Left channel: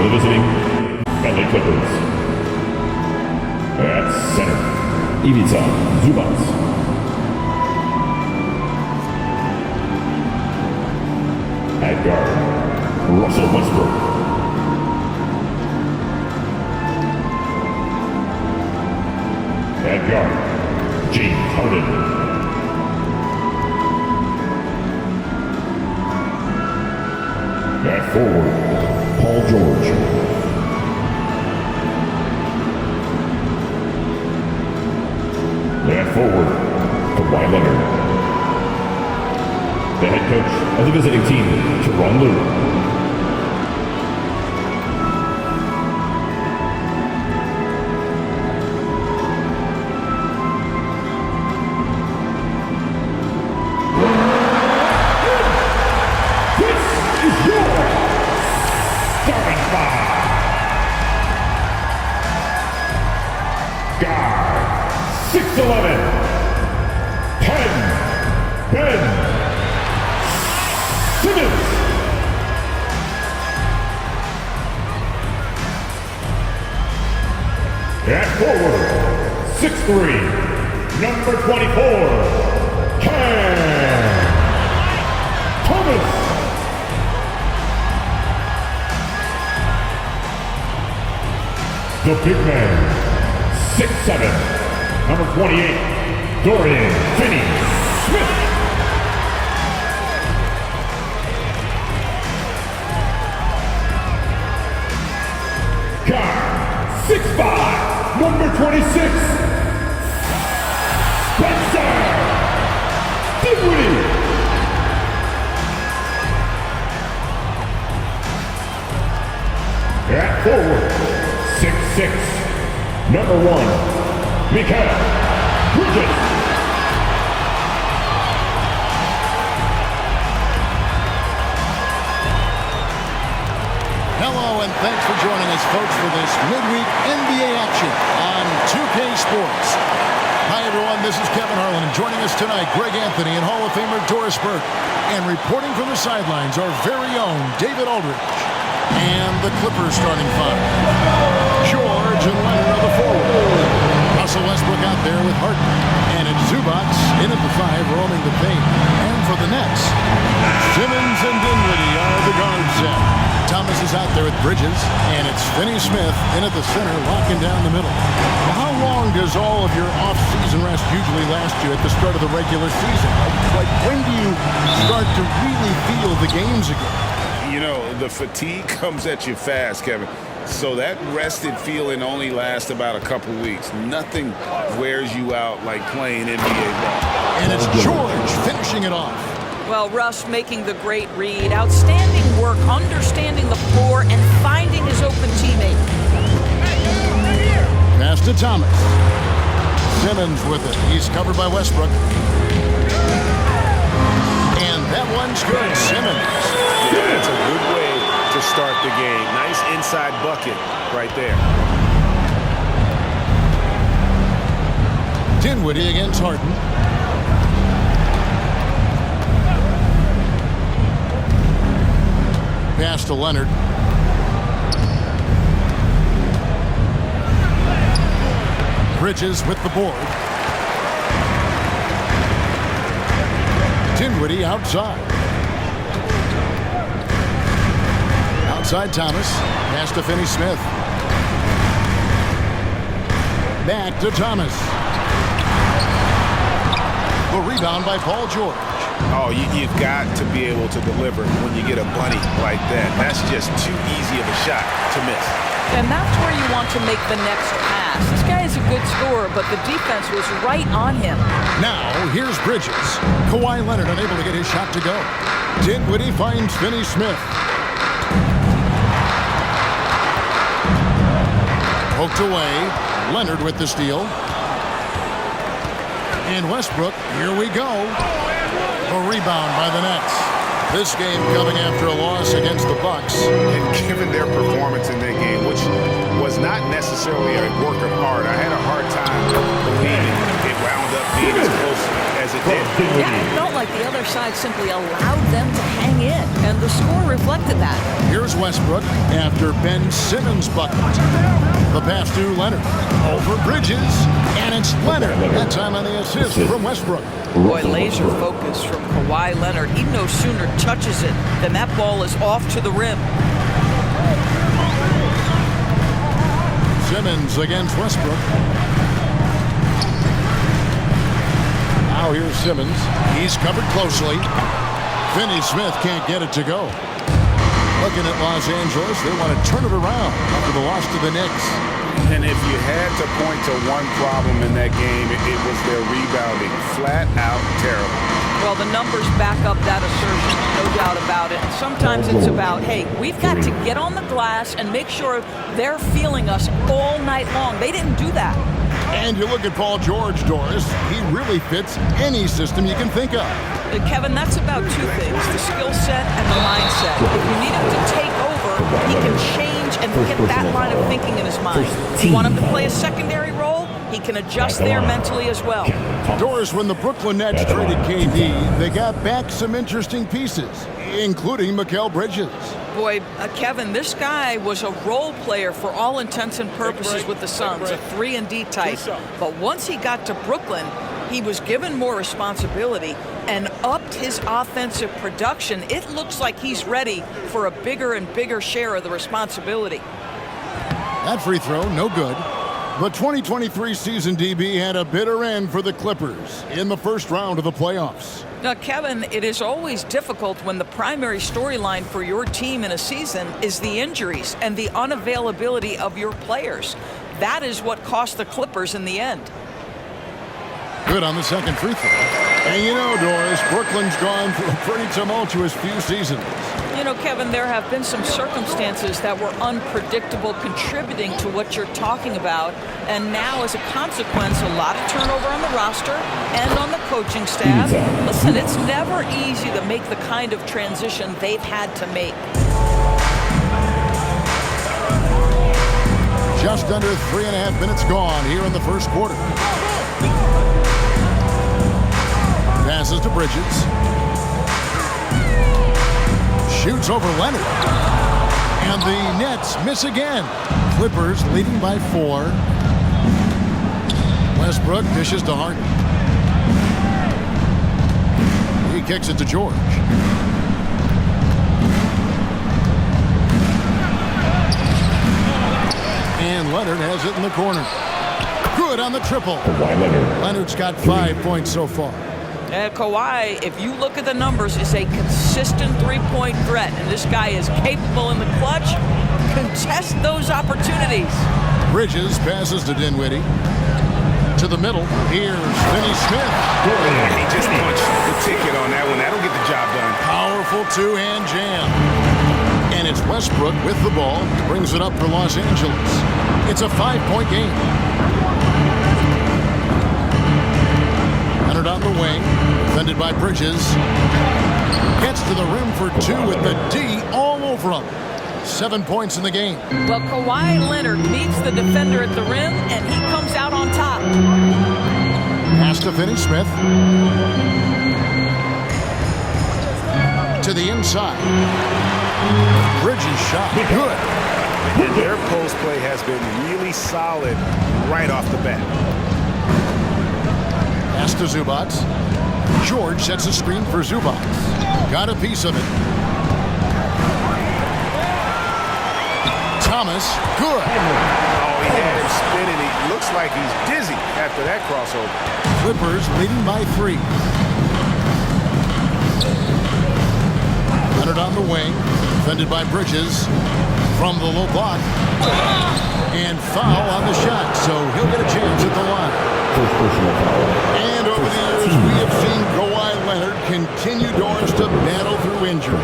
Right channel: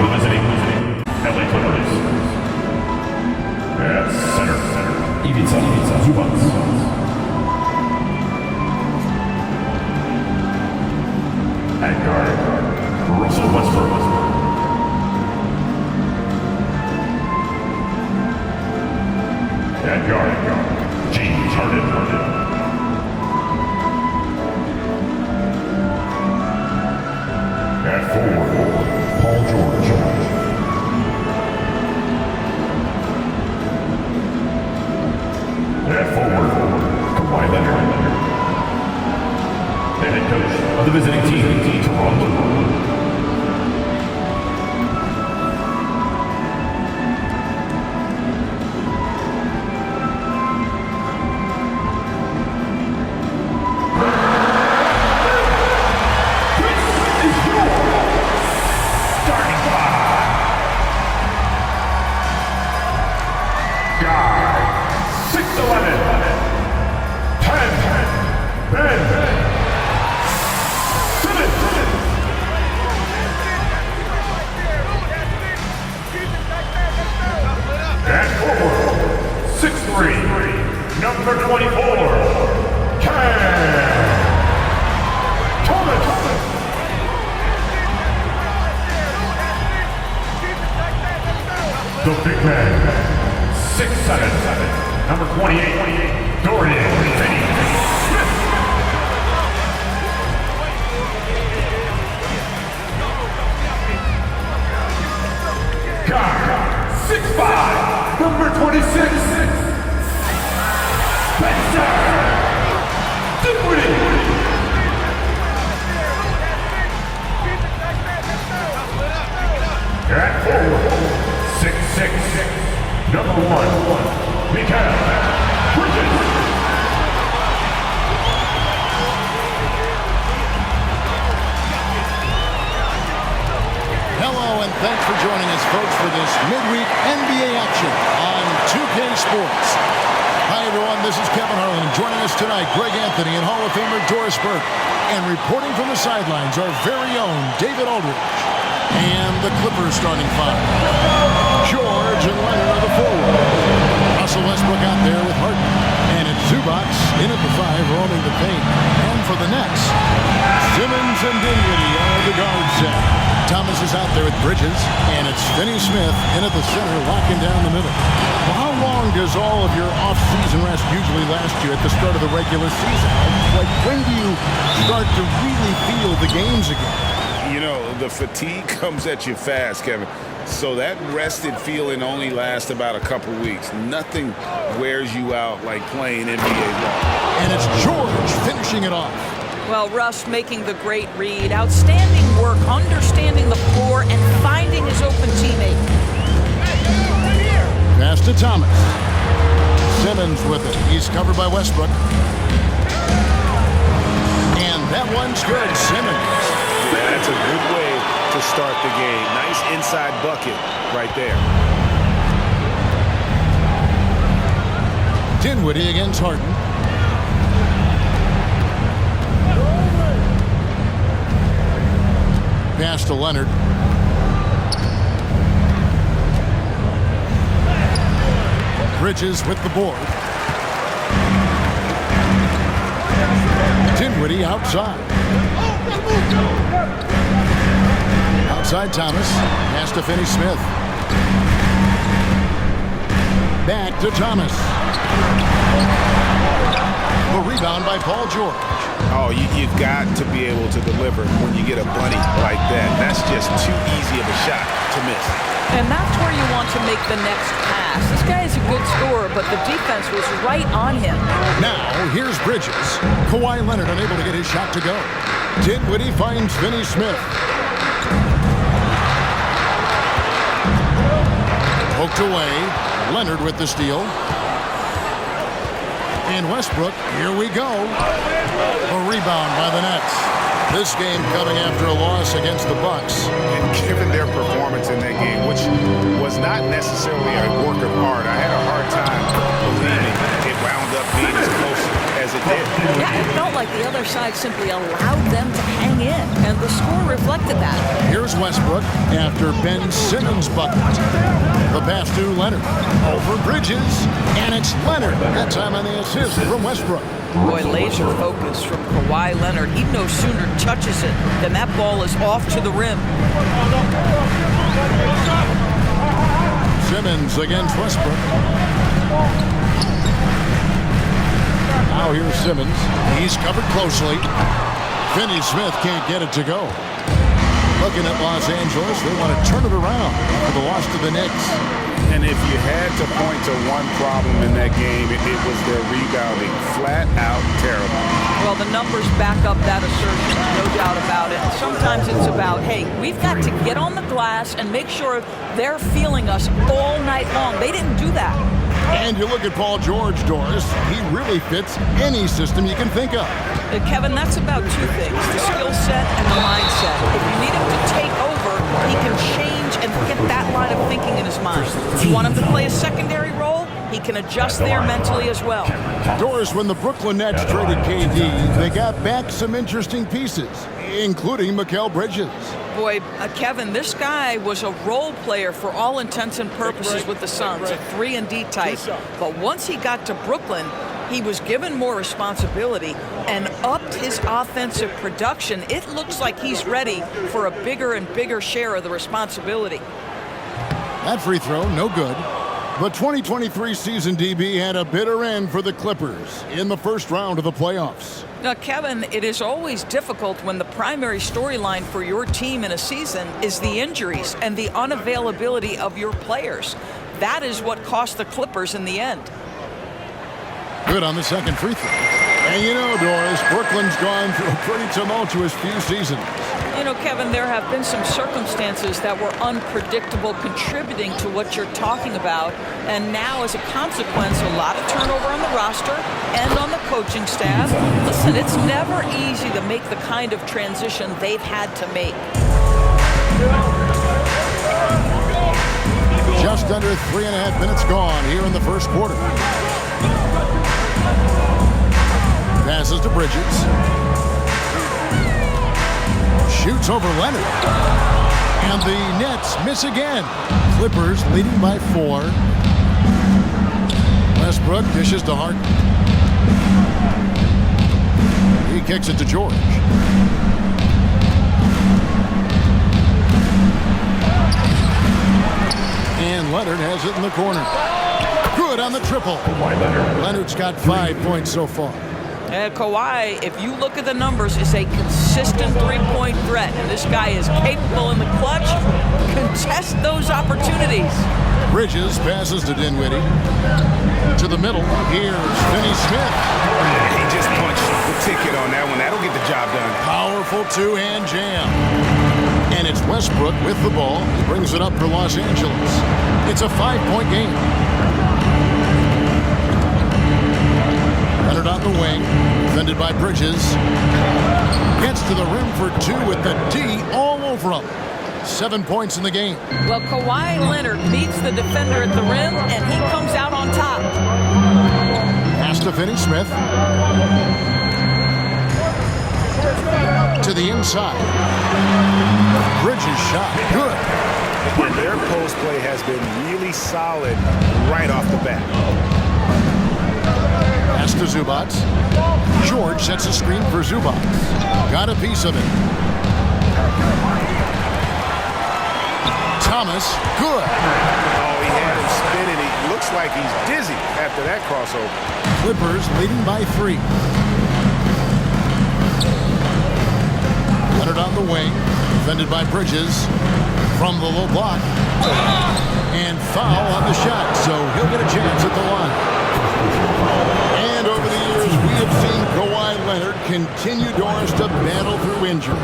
for the visiting LA Clippers. At center, Ivica Zubac. At guard, Russell Westbrook. At guard, James Harden. At forward, Paul George. At forward, Kawhi Leonard. The head coach of the visiting team, Tyronn Lue. Guy, 6'11", 10, Ben Simmons. At forward, 6'3", number 24, Cam Thomas. The big man, 6'7", number 28, Dorian Finney-Smith. Guard, 6'5", number 26, Spencer Dinwiddie. At forward, 6'6", number 1, Mikal Bridges. Hello and thanks for joining us, folks, for this midweek NBA action on 2K Sports. Hi, everyone. This is Kevin Harlan, and joining us tonight, Greg Anthony and Hall of Famer Doris Burke. And reporting from the sidelines, our very own David Aldridge. And the Clippers starting five. George and Leonard are the forwards. Russell Westbrook out there with Harden. And it's Zubac in at the five, roaming the paint. And for the Nets, Simmons and Dinwiddie are the guard set. Thomas is out there with Bridges. And it's Finney-Smith in at the center, locking down the middle. Well, how long does all of your off-season rest usually last you at the start of the regular season? Like, when do you start to really feel the games again? You know, the fatigue comes at you fast, Kevin. So that rested feeling only lasts about a couple weeks. Nothing wears you out like playing NBA ball. And it's George finishing it off. Well, Russ making the great read. Outstanding work, understanding the floor, and finding his open teammate. Pass to Thomas. Simmons with it. He's covered by Westbrook. And that one's good. Simmons. Yeah, that's a good way to start the game. Nice inside bucket right there. Dinwiddie against Harden. Pass to Leonard. Bridges with the board. Dinwiddie outside. Outside Thomas. Pass to Finney-Smith. Back to Thomas. The rebound by Paul George. Oh, you've got to be able to deliver when you get a bunny like that. That's just too easy of a shot to miss. And that's where you want to make the next pass. This guy is a good scorer, but the defense was right on him. Now, here's Bridges. Kawhi Leonard unable to get his shot to go. Dinwiddie finds Finney-Smith. Poked away. Leonard with the steal. And Westbrook, here we go. A rebound by the Nets. This game coming after a loss against the Bucks. And given their performance in that game, which was not necessarily a work of art, I had a hard time believing if wound up being as close as it did. Yeah, it felt like the other side simply allowed them to hang in, and the score reflected that. Here's Westbrook after Ben Simmons bucket. The pass to Leonard. Over Bridges, and it's Leonard. That time on the assist from Westbrook. Boy, laser focus from Kawhi Leonard. He no sooner touches it than that ball is off to the rim. Simmons against Westbrook. Now here's Simmons. He's covered closely. Finney Smith can't get it to go. Looking at Los Angeles, they want to turn it around after the loss to the Knicks. And if you had to point to one problem in that game, it was their rebounding. Flat out terrible. Well, the numbers back up that assertion, no doubt about it. Sometimes it's about, hey, we've got to get on the glass and make sure they're feeling us all night long. They didn't do that. And you look at Paul George, Doris, he really fits any system you can think of. Kevin, that's about two things, the skill set and the mindset. If you need him to take over, he can change and get that line of thinking in his mind. If you want him to play a secondary role, he can adjust there mentally as well. Doris, when the Brooklyn Nets traded KD, they got back some interesting pieces, including Mikal Bridges. Boy, Kevin, this guy was a role player for all intents and purposes with the Suns, a 3-and-D type. But once he got to Brooklyn, he was given more responsibility and upped his offensive production. It looks like he's ready for a bigger and bigger share of the responsibility. That free throw, no good. The 2023 season, DB, had a bitter end for the Clippers in the first round of the playoffs. Now, Kevin, it is always difficult when the primary storyline for your team in a season is the injuries and the unavailability of your players. That is what cost the Clippers in the end. Good on the second free throw. And you know, Doris, Brooklyn's gone through a pretty tumultuous few seasons. You know, Kevin, there have been some circumstances that were unpredictable contributing to what you're talking about. And now, as a consequence, a lot of turnover on the roster and on the coaching staff. Listen, it's never easy to make the kind of transition they've had to make. Just under 3.5 minutes gone here in the first quarter. Passes to Bridges. Shoots over Leonard. And the Nets miss again. Clippers leading by 4. Westbrook dishes to Harden. He kicks it to George. And Leonard has it in the corner. Good on the triple. Leonard's got 5 points so far. Kawhi, if you look at the numbers, is a consistent three-point threat, and this guy is capable in the clutch. Contest those opportunities. Bridges passes to Dinwiddie. To the middle. Here's Finney Smith. He just punched the ticket on that one. That'll get the job done. Powerful two-hand jam. And it's Westbrook with the ball. He brings it up for Los Angeles. It's a 5-point game. Leonard on the wing, defended by Bridges. Gets to the rim for 2 with the D all over him. 7 points in the game. Well, Kawhi Leonard meets the defender at the rim, and he comes out on top. Pass to Finney Smith. To the inside. Bridges shot. Good. And their post play has been really solid right off the bat. Pass to Zubac. George sets a screen for Zubac. Got a piece of it. Thomas, good. Oh, he had him spinning. He looks like he's dizzy after that crossover. Clippers leading by 3. Leonard on the wing, defended by Bridges. From the low block. And foul on the shot, so he'll get a chance at the line. And over the years, we have seen Kawhi Leonard continue, Doris, to battle through injury.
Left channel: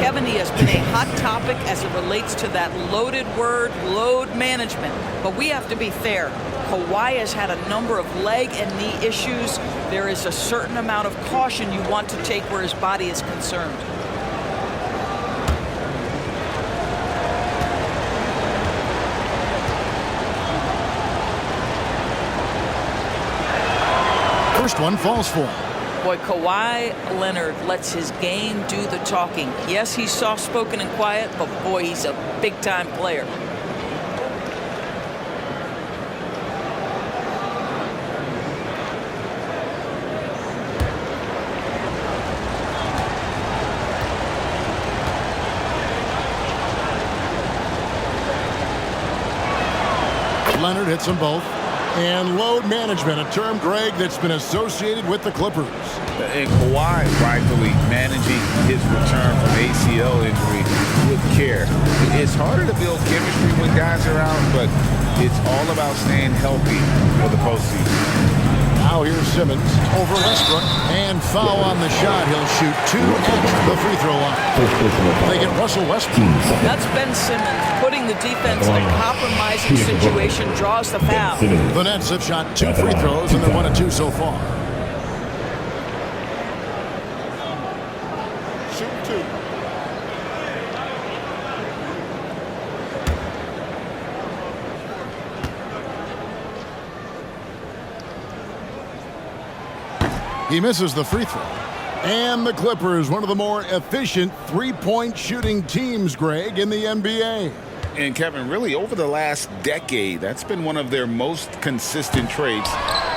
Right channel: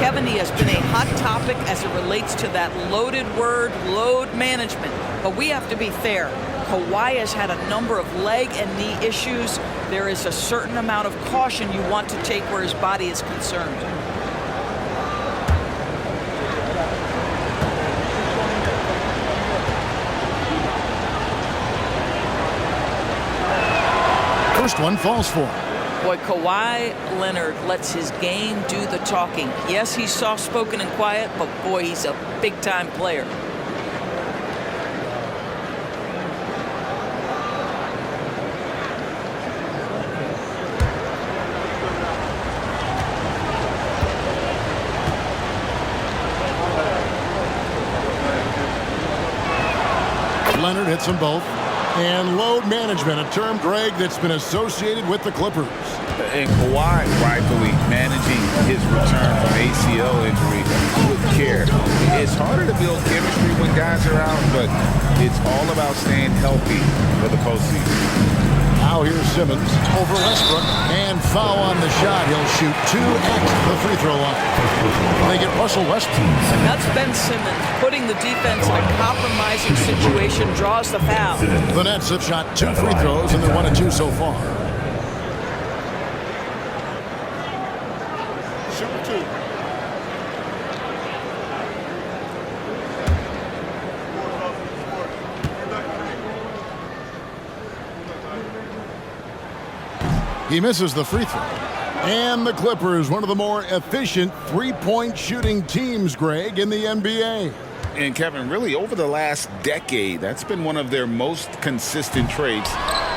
Kevin, he has been a hot topic as it relates to that loaded word, load management. But we have to be fair. Kawhi has had a number of leg and knee issues. There is a certain amount of caution you want to take where his body is concerned. first one falls for him. Boy, Kawhi Leonard lets his game do the talking. Yes, he's soft-spoken and quiet, but boy, he's a big-time player. Leonard hits them both. And load management, a term, Greg, that's been associated with the Clippers. And Kawhi rightfully managing his return from ACL injury with care. It's harder to build chemistry when guys are out, but it's all about staying healthy for the postseason. Now here's Simmons over Westbrook, and foul on the shot. He'll shoot 2 at the free throw line. They get Russell Westbrook. That's Ben Simmons putting the defense in a compromising situation, draws the foul. The Nets have shot 2 free throws, and they're 1 of 2 so far. Shoot 2. He misses the free throw. And the Clippers, one of the more efficient three-point shooting teams, Greg, in the NBA. And Kevin, really over the last decade, that's been one of their most consistent traits.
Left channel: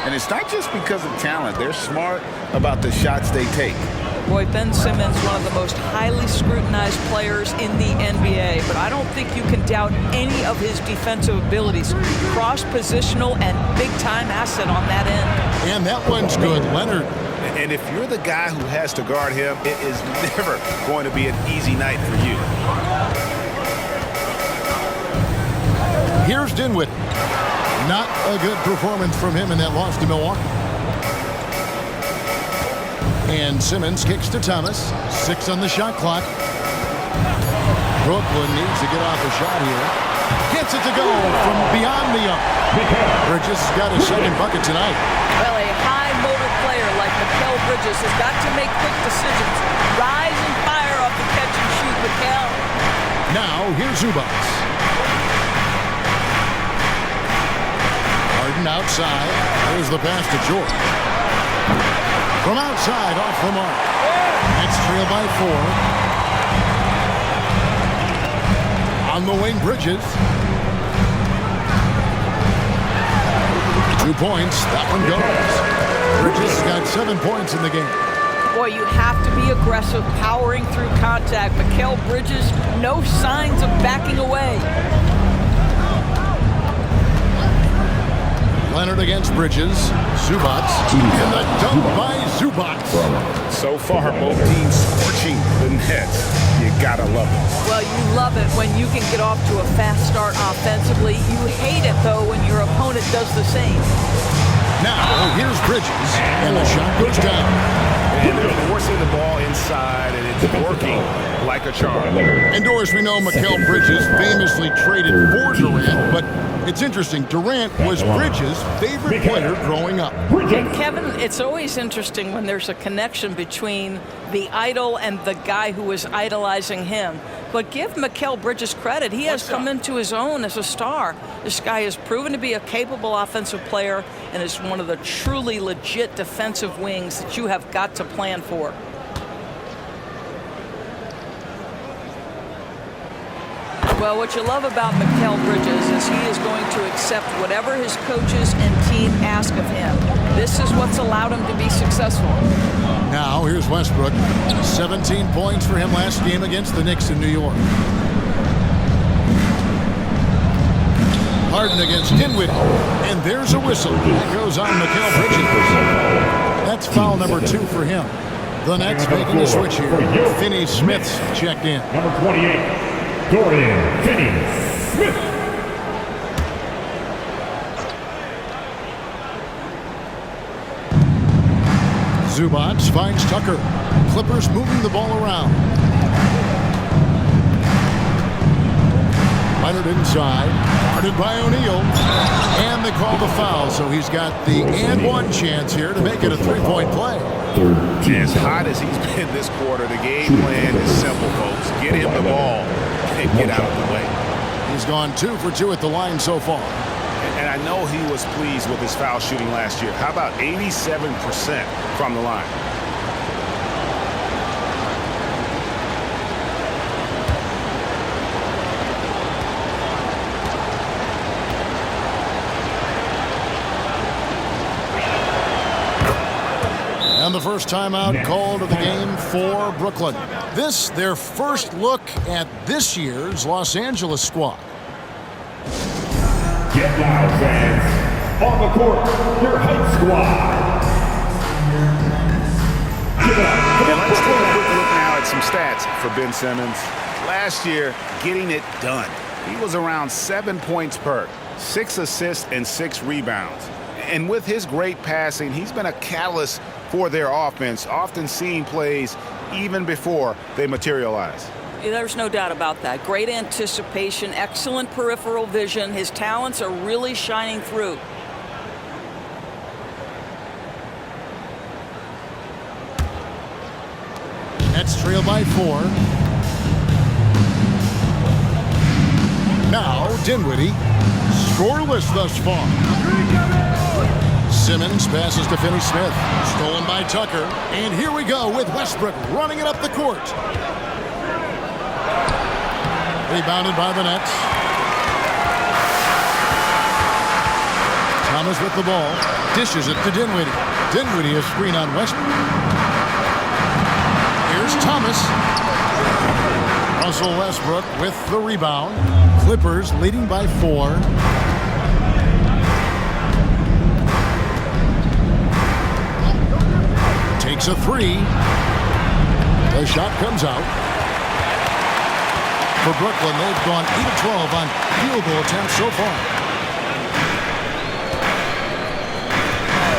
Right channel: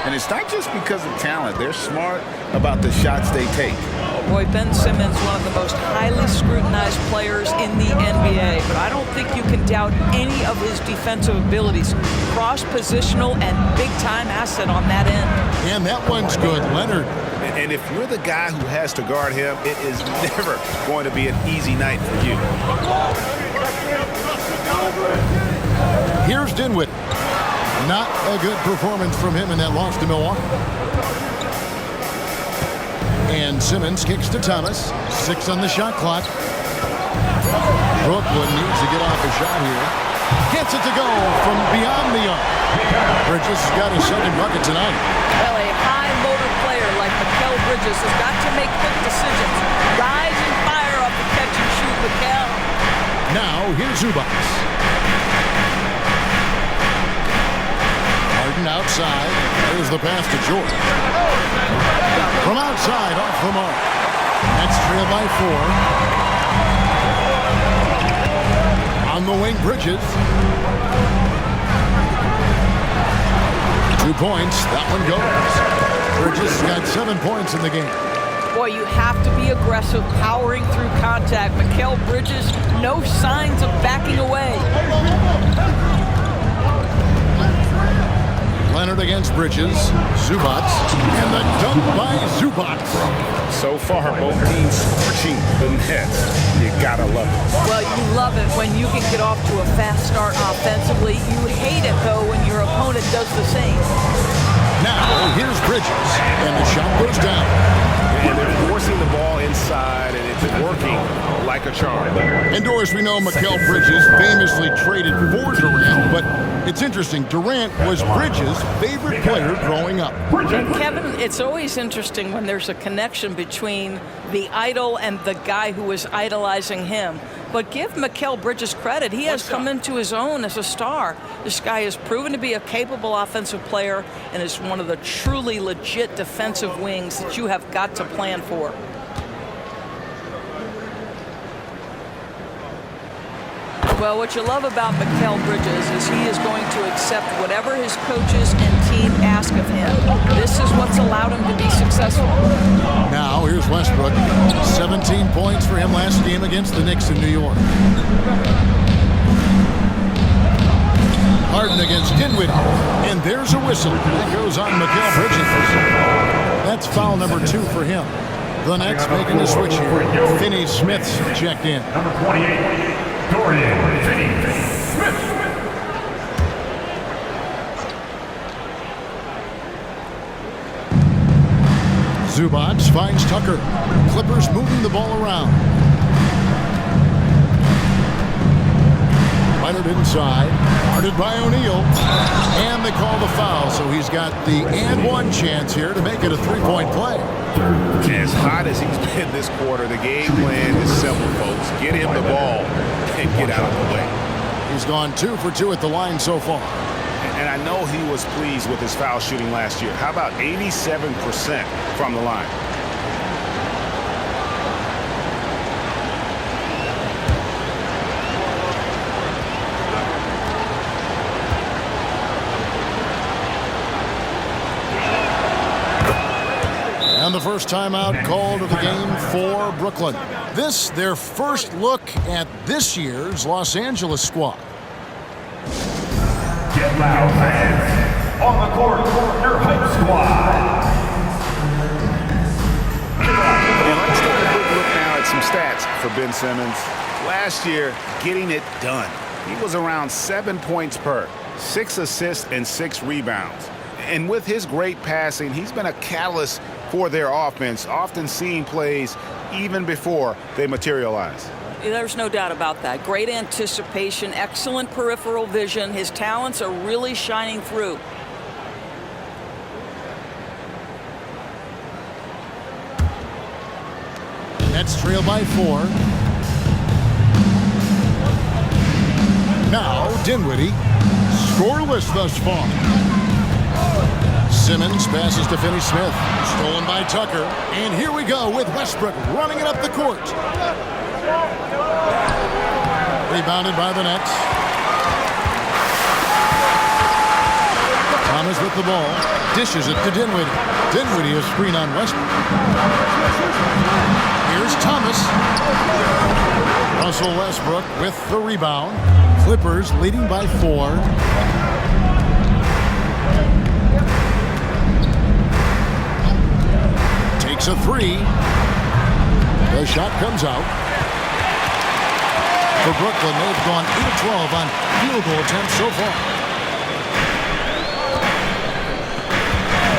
And it's not just because of talent. They're smart about the shots they take. Boy, Ben Simmons, one of the most highly scrutinized players in the NBA, but I don't think you can doubt any of his defensive abilities. Cross-positional and big-time asset on that end. And that one's good, Leonard. And if you're the guy who has to guard him, it is never going to be an easy night for you. Here's Dinwiddie. Not a good performance from him in that loss to Milwaukee. And Simmons kicks to Thomas. 6 on the shot clock. Brooklyn needs to get off a shot here. Gets it to go from beyond the arc. Bridges has got his second bucket tonight. Well, a high motor player like Mikal Bridges has got to make quick decisions. Rise and fire off the catch and shoot, Mikal. Now, here's Zubac. Harden outside. There's the pass to George. From outside, off the mark. Nets trail by 4. On the wing, Bridges. 2 points. That one goes. Bridges has got 7 points in the game. Boy, you have to be aggressive, powering through contact. Mikal Bridges, no signs of backing away. Leonard against Bridges. Zubac. And the dunk by Zubac. So far, both teams scorching the Nets. You gotta love it. Well, you love it when you can get off to a fast start offensively. You hate it, though, when your opponent does the same. Now, here's Bridges. And the shot goes down. And they're forcing the ball inside, and it's working like a charm. And Doris, we know Mikal Bridges famously traded for Durant, but it's interesting. Durant was Bridges' favorite player growing up. And Kevin, it's always interesting when there's a connection between the idol and the guy who was idolizing him. But give Mikal Bridges credit. He has come into his own as a star. This guy has proven to be a capable offensive player and is one of the truly legit defensive wings that you have got to plan for. Well, what you love about Mikal Bridges is he is going to accept whatever his coaches and team ask of him. This is what's allowed him to be successful. Now, here's Westbrook. 17 points for him last game against the Knicks in New York. Harden against Dinwiddie. And there's a whistle. That goes on Mikal Bridges. That's foul number 2 for him. The Nets making the switch here. Finney-Smith's checked in. Number 28. Dorian Finney-Smith. Zubac finds Tucker. Clippers moving the ball around. Leonard inside. Guarded by O'Neal. And they call the foul, so he's got the and one chance here to make it a 3-point play. As hot as he's been this quarter, the game plan is simple, folks. Get him the ball and get out of the way. He's gone 2 for 2 at the line so far. And I know he was pleased with his foul shooting last year. How about 87% from the line? And the first timeout called of the game for Brooklyn. This, their first look at this year's Los Angeles squad. Get loud, fans. On the court, your hype squad. And let's take a quick look now at some stats for Ben Simmons. Last year, getting it done. He was around 7 points per, 6 assists, and 6 rebounds. And with his great passing, he's been a catalyst for their offense, often seeing plays even before they materialize. There's no doubt about that. Great anticipation, excellent peripheral vision. His talents are really shining through. Nets trail by 4. Now Dinwiddie, scoreless thus far. Simmons passes to Finney-Smith, stolen by Tucker, and here we go with Westbrook running it up the court. Rebounded by the Nets. Thomas with the ball, dishes it to Dinwiddie. Dinwiddie is screen on Westbrook. Here's Thomas. Russell Westbrook with the rebound. Clippers leading by 4. Takes a 3. The shot comes out. For Brooklyn, they've gone 8 of 12 on field goal attempts so far.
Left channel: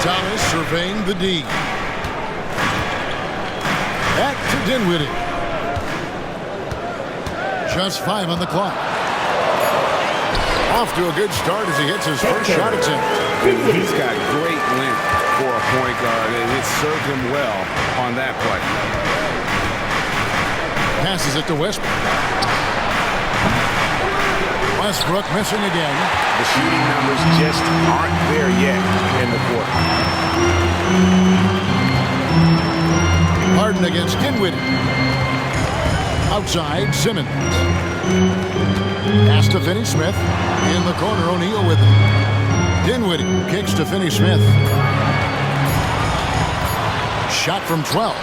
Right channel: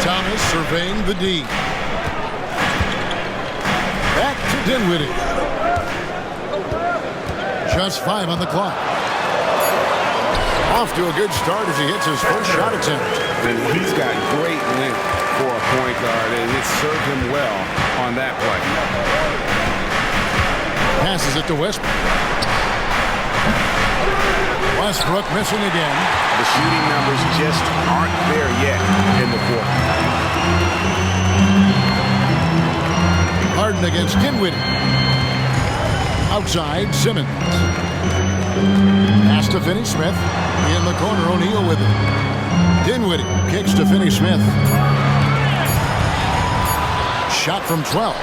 Thomas surveying the D. Back to Dinwiddie. Just 5 on the clock. Off to a good start as he hits his first shot attempt. And he's got great length for a point guard, and it served him well on that play. Passes it to Westbrook. Westbrook missing again. The shooting numbers just aren't there yet in the quarter. Harden against Dinwiddie. Outside, Simmons. Pass to Finney-Smith. In the corner, O'Neal with it. Dinwiddie kicks to Finney-Smith. Shot from 12.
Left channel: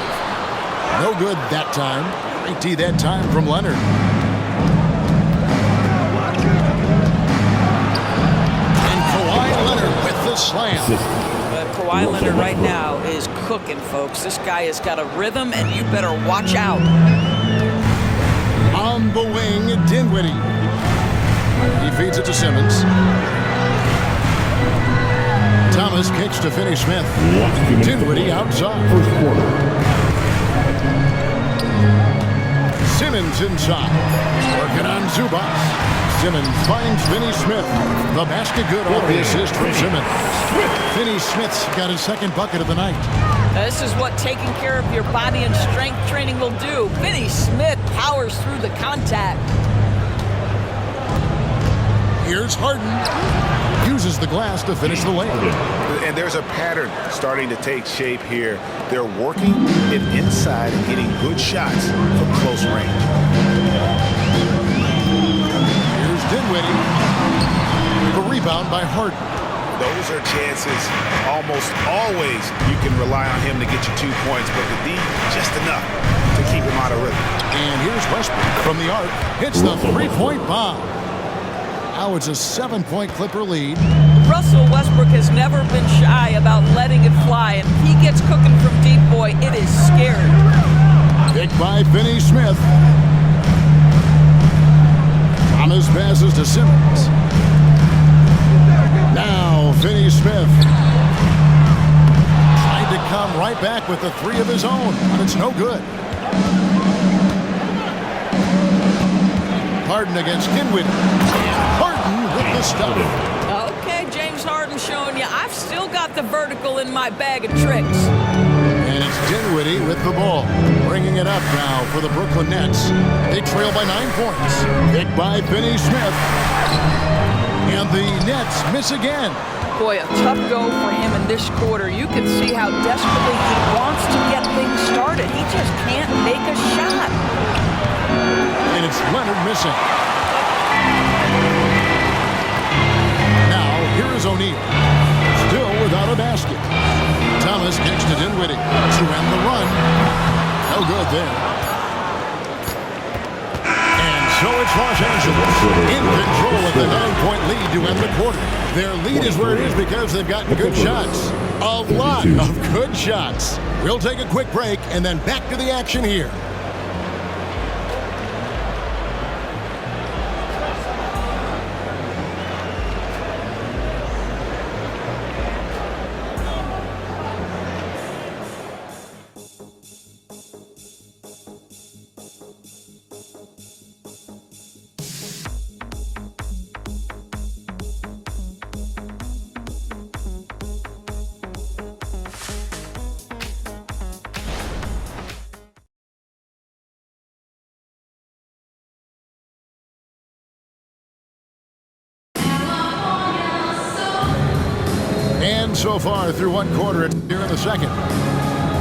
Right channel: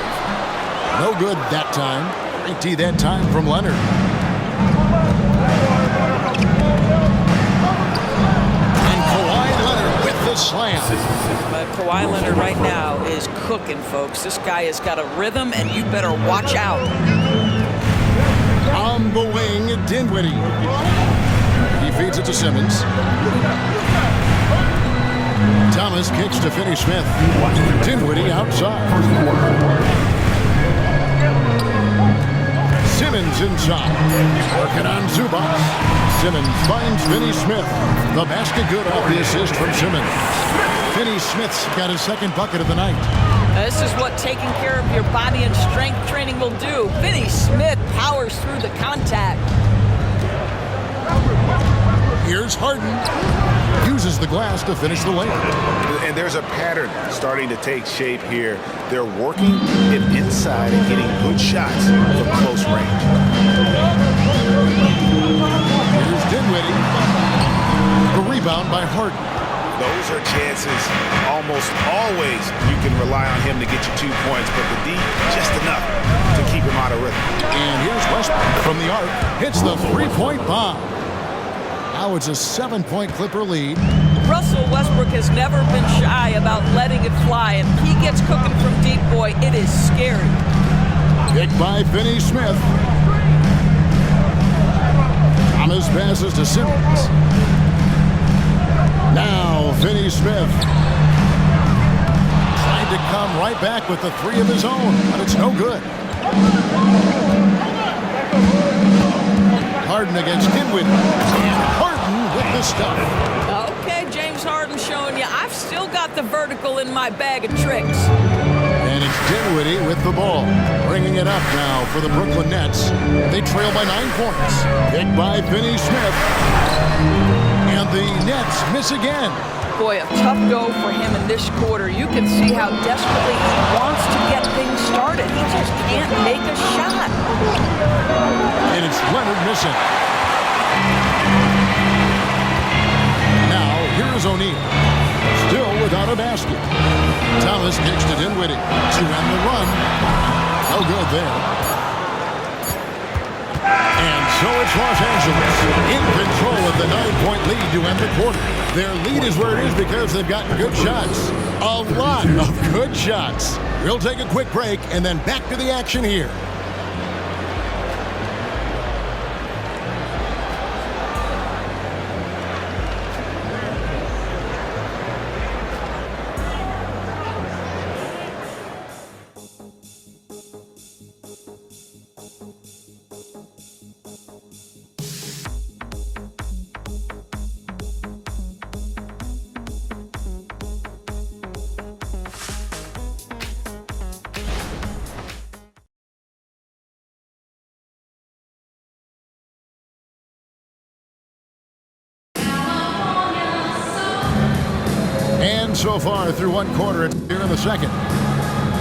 No good that time. Great D that time from Leonard. And Kawhi Leonard with the slam. But Kawhi Leonard right now is cooking, folks. This guy has got a rhythm, and you better watch out. On the wing, Dinwiddie. He feeds it to Simmons. Thomas kicks to Finney-Smith. Dinwiddie outside. First quarter. Simmons inside. Working on Zubas. Simmons finds Finney-Smith. The basket good off the assist from Simmons. Finney-Smith's got his second bucket of the night. This is what taking care of your body and strength training will do. Finney-Smith powers through the contact. Here's Harden. Uses the glass to finish the lane. And there's a pattern starting to take shape here. They're working it inside and getting good shots from close range. Here's Dinwiddie. The rebound by Harden. Those are chances almost always you can rely on him to get you 2 points, but the D just enough to keep him out of rhythm. And here's Westbrook from the arc. Hits the three-point bomb. Now it's a 7-point Clipper lead. Russell Westbrook has never been shy about letting it fly, and he gets cooking from deep, boy. It is scary. Picked by Finney-Smith. Thomas passes to Simmons. Now Finney-Smith tried to come right back with the 3 of his own, but it's no good. Harden against Dinwiddie. And Harden with the stuff. Okay, James Harden showing you I've still got the vertical in my bag of tricks. And it's Dinwiddie with the ball. Bringing it up now for the Brooklyn Nets. They trail by 9 points. Picked by Finney-Smith. And the Nets miss again. Boy, a tough go for him in this quarter. You can see how desperately he wants to get things started. He just can't make a shot. And it's Leonard missing. Now, here is O'Neal. Still without a basket. Thomas kicks to Dinwiddie to end the run. No good there. And so it's Los Angeles in control with the 9-point lead to end the quarter. Their lead is where it is because they've gotten good shots. A lot of good shots. We'll take a quick break and then back to the action here. And so far through one quarter here in the second.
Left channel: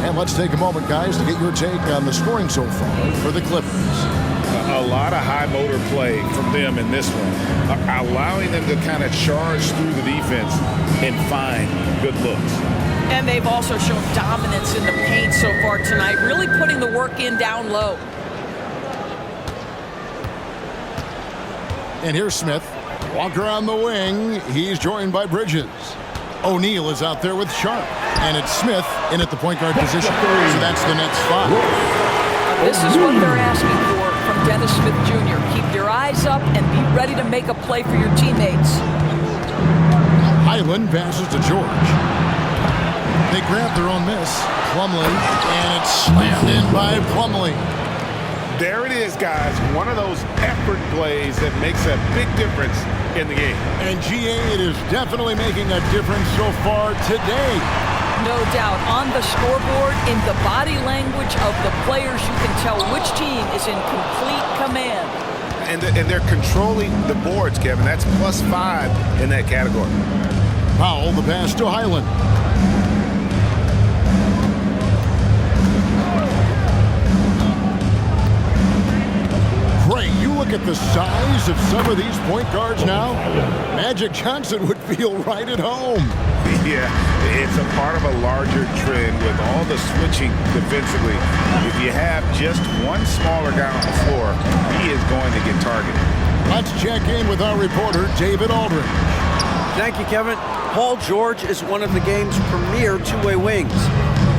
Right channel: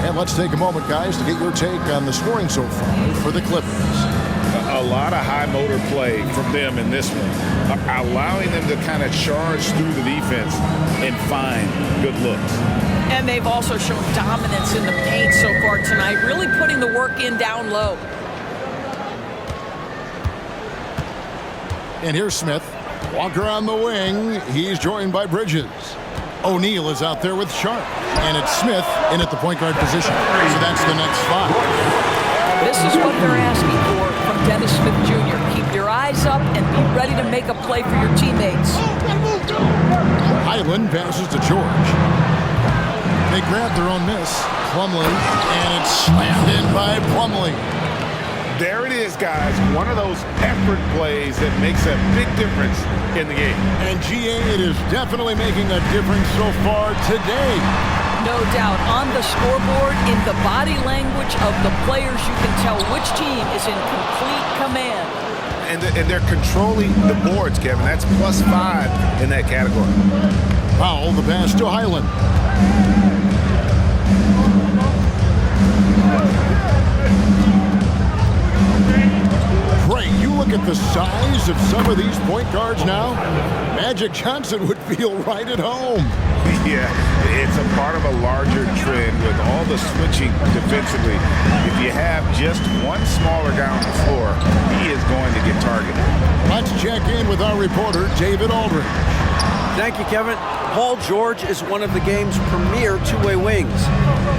And let's take a moment, guys, to get your take on the scoring so far for the Clippers. A lot of high motor play from them in this one, allowing them to kind of charge through the defense and find good looks. And they've also shown dominance in the paint so far tonight, really putting the work in down low. And here's Smith. Walker on the wing. He's joined by Bridges. O'Neal is out there with Sharp. And it's Smith in at the point guard position. So that's the Nets 5. This is what they're asking for from Dennis Smith Jr. Keep your eyes up and be ready to make a play for your teammates. Highland passes to George. They grab their own miss. Plumlee. And it's slammed in by Plumlee. There it is, guys. One of those effort plays that makes a big difference in the game. And GA, it is definitely making a difference so far today. No doubt. On the scoreboard, in the body language of the players, you can tell which team is in complete command. And they're controlling the boards, Kevin. That's +5 in that category. Powell, the pass to Highland. Ray, you look at the size of some of these point guards now. Magic Johnson would feel right at home. Yeah, it's a part of a larger trend with all the switching defensively. If you have just one smaller guy on the floor, he is going to get targeted. Let's check in with our reporter, David Aldridge. Thank you, Kevin. Paul George is one of the game's premier two-way wings.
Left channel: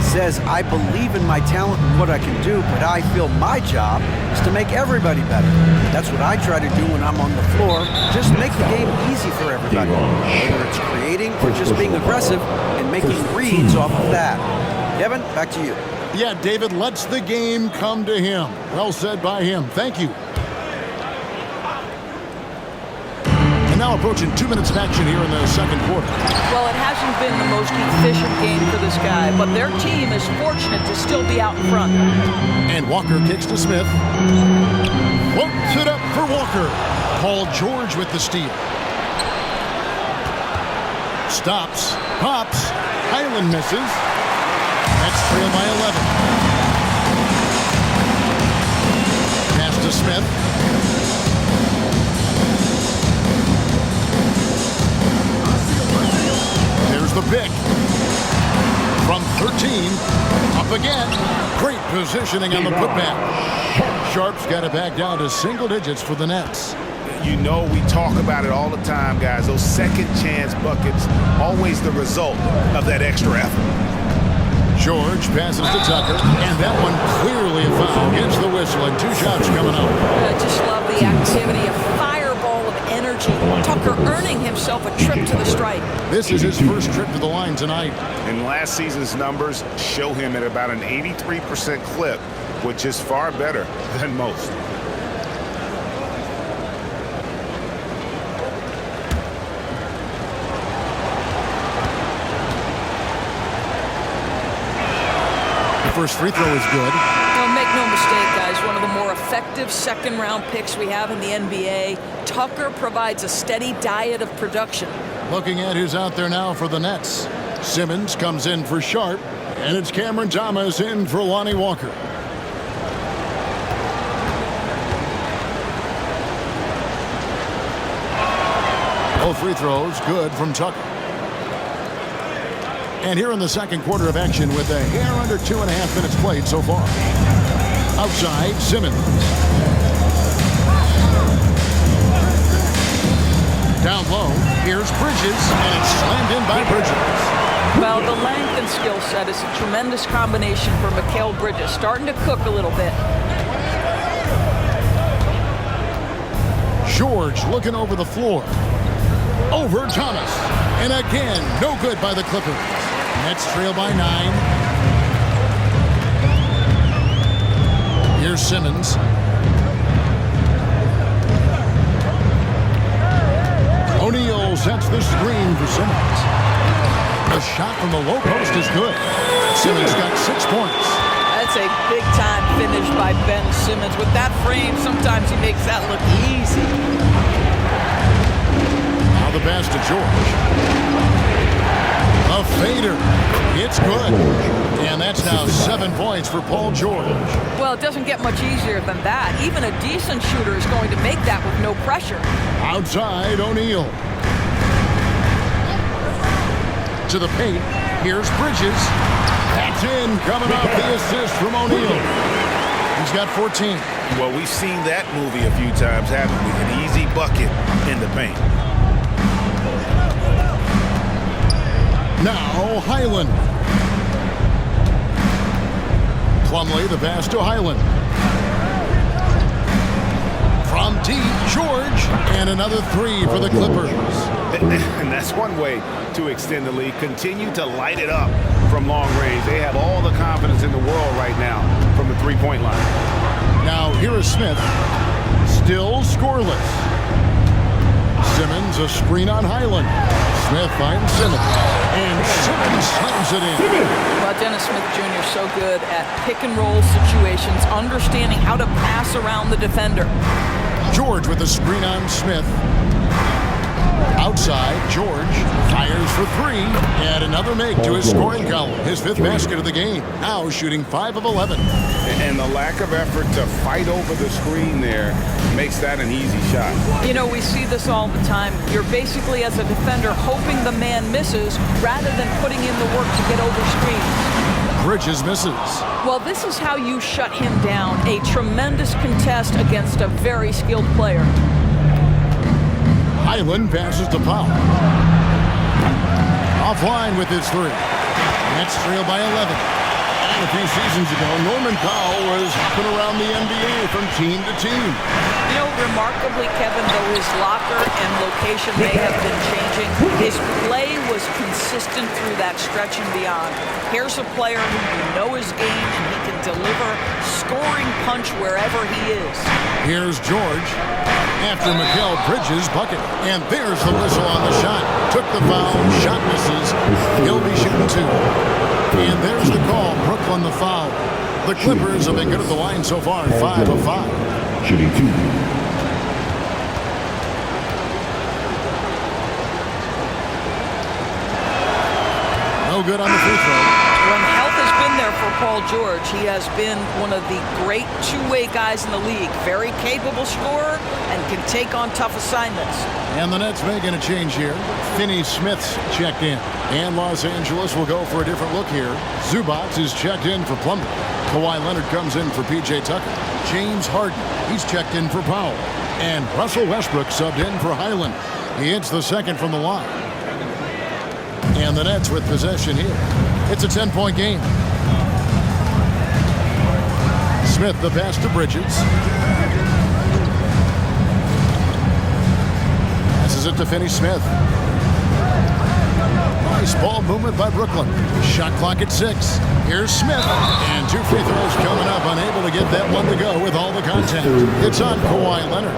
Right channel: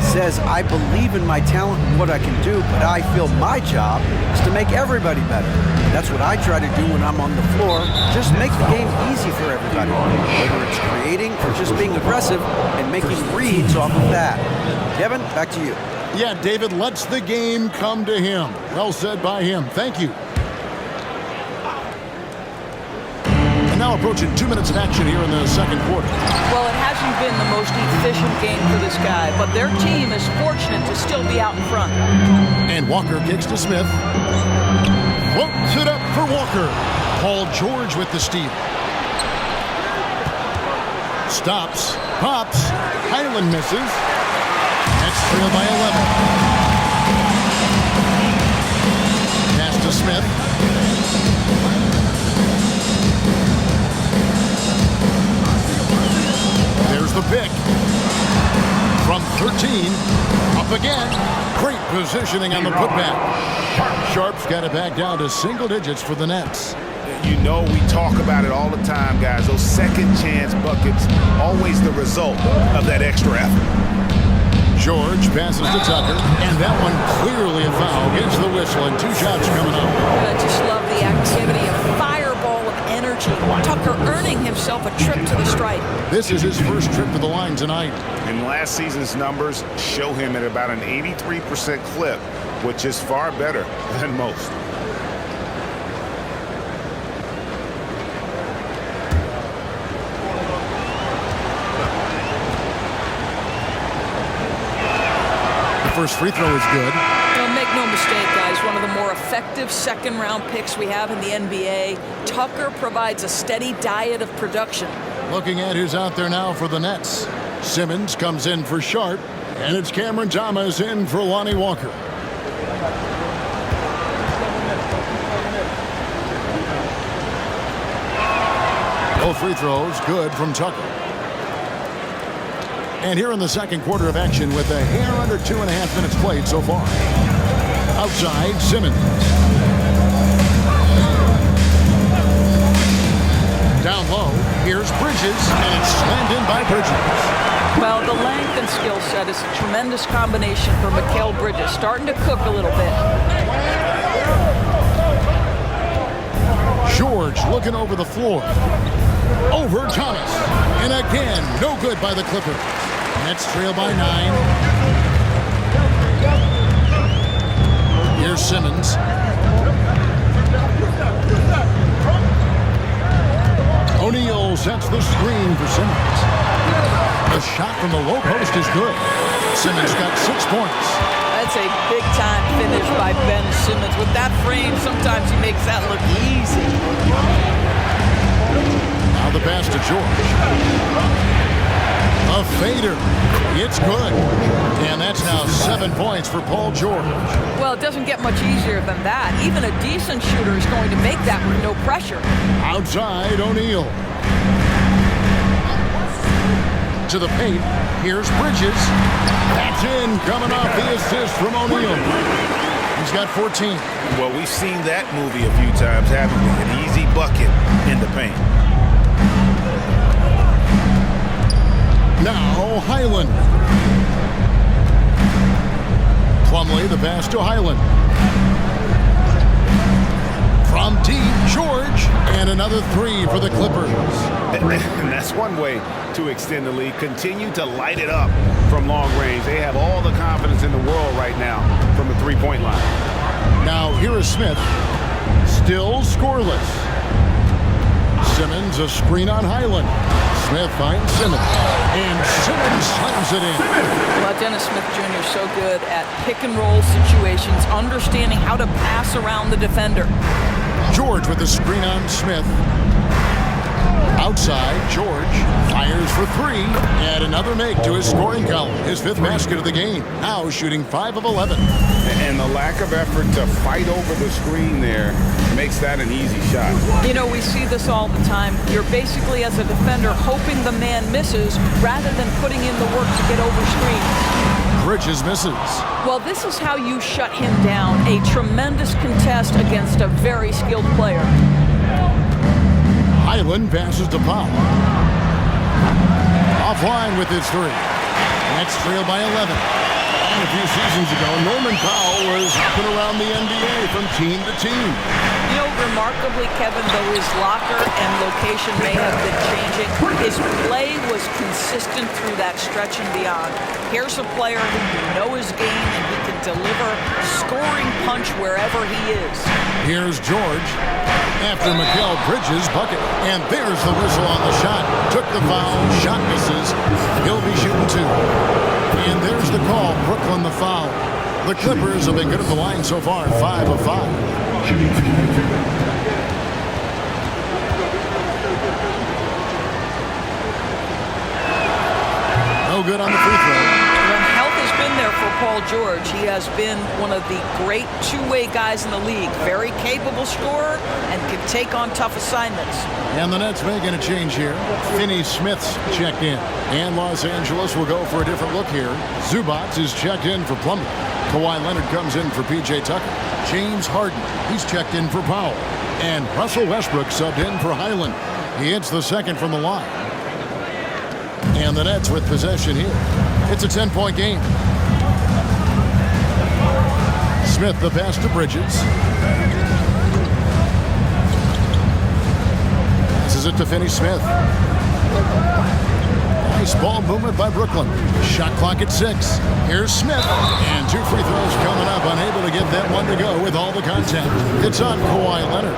Says, I believe in my talent and what I can do, but I feel my job is to make everybody better. That's what I try to do when I'm on the floor. Just make the game easy for everybody, whether it's creating or just being aggressive and making reads off of that. Kevin, back to you. Yeah, David lets the game come to him. Well said by him. Thank you. And now approaching 2 minutes of action here in the second quarter. Well, it hasn't been the most efficient game for this guy, but their team is fortunate to still be out in front. And Walker kicks to Smith. Floats it up for Walker. Paul George with the steal. Stops. Pops. Highland misses. Nets trail by 11. Pass to Smith. There's the pick. From 13, up again. Great positioning on the putback. Sharp's got it back down to single digits for the Nets. You know, we talk about it all the time, guys. Those second chance buckets, always the result of that extra effort. George passes to Tucker, and that one clearly a foul. Gets the whistle, and 2 shots coming up. I just love the activity, a fireball of energy. Tucker earning himself a trip to the stripe. This is his first trip to the line tonight. And last season's numbers show him at about an 83% clip, which is far better than most. The first free throw is good. Well, make no mistake, guys, one of the more effective second-round picks we have in the NBA. Tucker provides a steady diet of production. Looking at who's out there now for the Nets. Simmons comes in for Sharp, and it's Cameron Thomas in for Lonnie Walker. Both free throws good from Tucker. And here in the second quarter of action with a hair under 2.5 minutes played so far. Outside, Simmons. Down low, here's Bridges, and it's slammed in by Bridges. Well, the length and skill set is a tremendous combination for Mikal Bridges, starting to cook a little bit. George looking over the floor. Over Thomas. And again, no good by the Clippers. Nets trail by 9. Here's Simmons. O'Neal sets the screen for Simmons. The shot from the low post is good. Simmons got 6 points. That's a big-time finish by Ben Simmons. With that frame, sometimes he makes that look easy. Now the pass to George. A fader. It's good. And that's now 7 points for Paul George. Well, it doesn't get much easier than that. Even a decent shooter is going to make that with no pressure. Outside, O'Neal. To the paint. Here's Bridges. That's in, coming off the assist from O'Neal. He's got 14. Well, we've seen that movie a few times, haven't we? An easy bucket in the paint. Now, Highland. Plumlee, the pass to Highland. From deep, George, and another 3 for the Clippers. And that's one way to extend the lead. Continue to light it up from long range. They have all the confidence in the world right now from the three-point line. Now, here is Smith. Still scoreless. Simmons, a screen on Highland. Smith finds Simmons. And Simmons slams it in. Well, Dennis Smith Jr. is so good at pick-and-roll situations, understanding how to pass around the defender. George with the screen on Smith. Outside, George fires for 3, and another make to his scoring column. His 5th basket of the game. Now shooting 5 of 11. And the lack of effort to fight over the screen there makes that an easy shot. You know, we see this all the time. You're basically, as a defender, hoping the man misses rather than putting in the work to get over screens. Bridges misses. Well, this is how you shut him down. A tremendous contest against a very skilled player. Highland passes to Powell. Offline with his 3. Nets trail by 11. And a few seasons ago, Norman Powell was hopping around the NBA from team to team. You know, remarkably, Kevin, though his locker and location may have been changing, his play was consistent through that stretch and beyond. Here's a player who you know his game, and he can deliver scoring punch wherever he is. Here's George after Mikal Bridges' bucket. And there's the whistle on the shot. Took the foul, shot misses. He'll be shooting 2. And there's the call, Brooklyn the foul. The Clippers have been good at the line so far, 5 of 5. Shooting 2. No good on the free throw. When health has been there for Paul George, he has been one of the great two-way guys in the league. Very capable scorer and can take on tough assignments. And the Nets making a change here. Finney Smith's checked in. And Los Angeles will go for a different look here. Zubac is checked in for Plumlee. Kawhi Leonard comes in for P.J. Tucker. James Harden, he's checked in for Powell. And Russell Westbrook subbed in for Highland. He hits the second from the line. And the Nets with possession here. It's a 10-point game. Smith the pass to Bridges. Passes it to Finney Smith. Nice ball movement by Brooklyn. Shot clock at 6. Here's Smith. And 2 free throws coming up. Unable to get that one to go with all the contact. It's on Kawhi Leonard.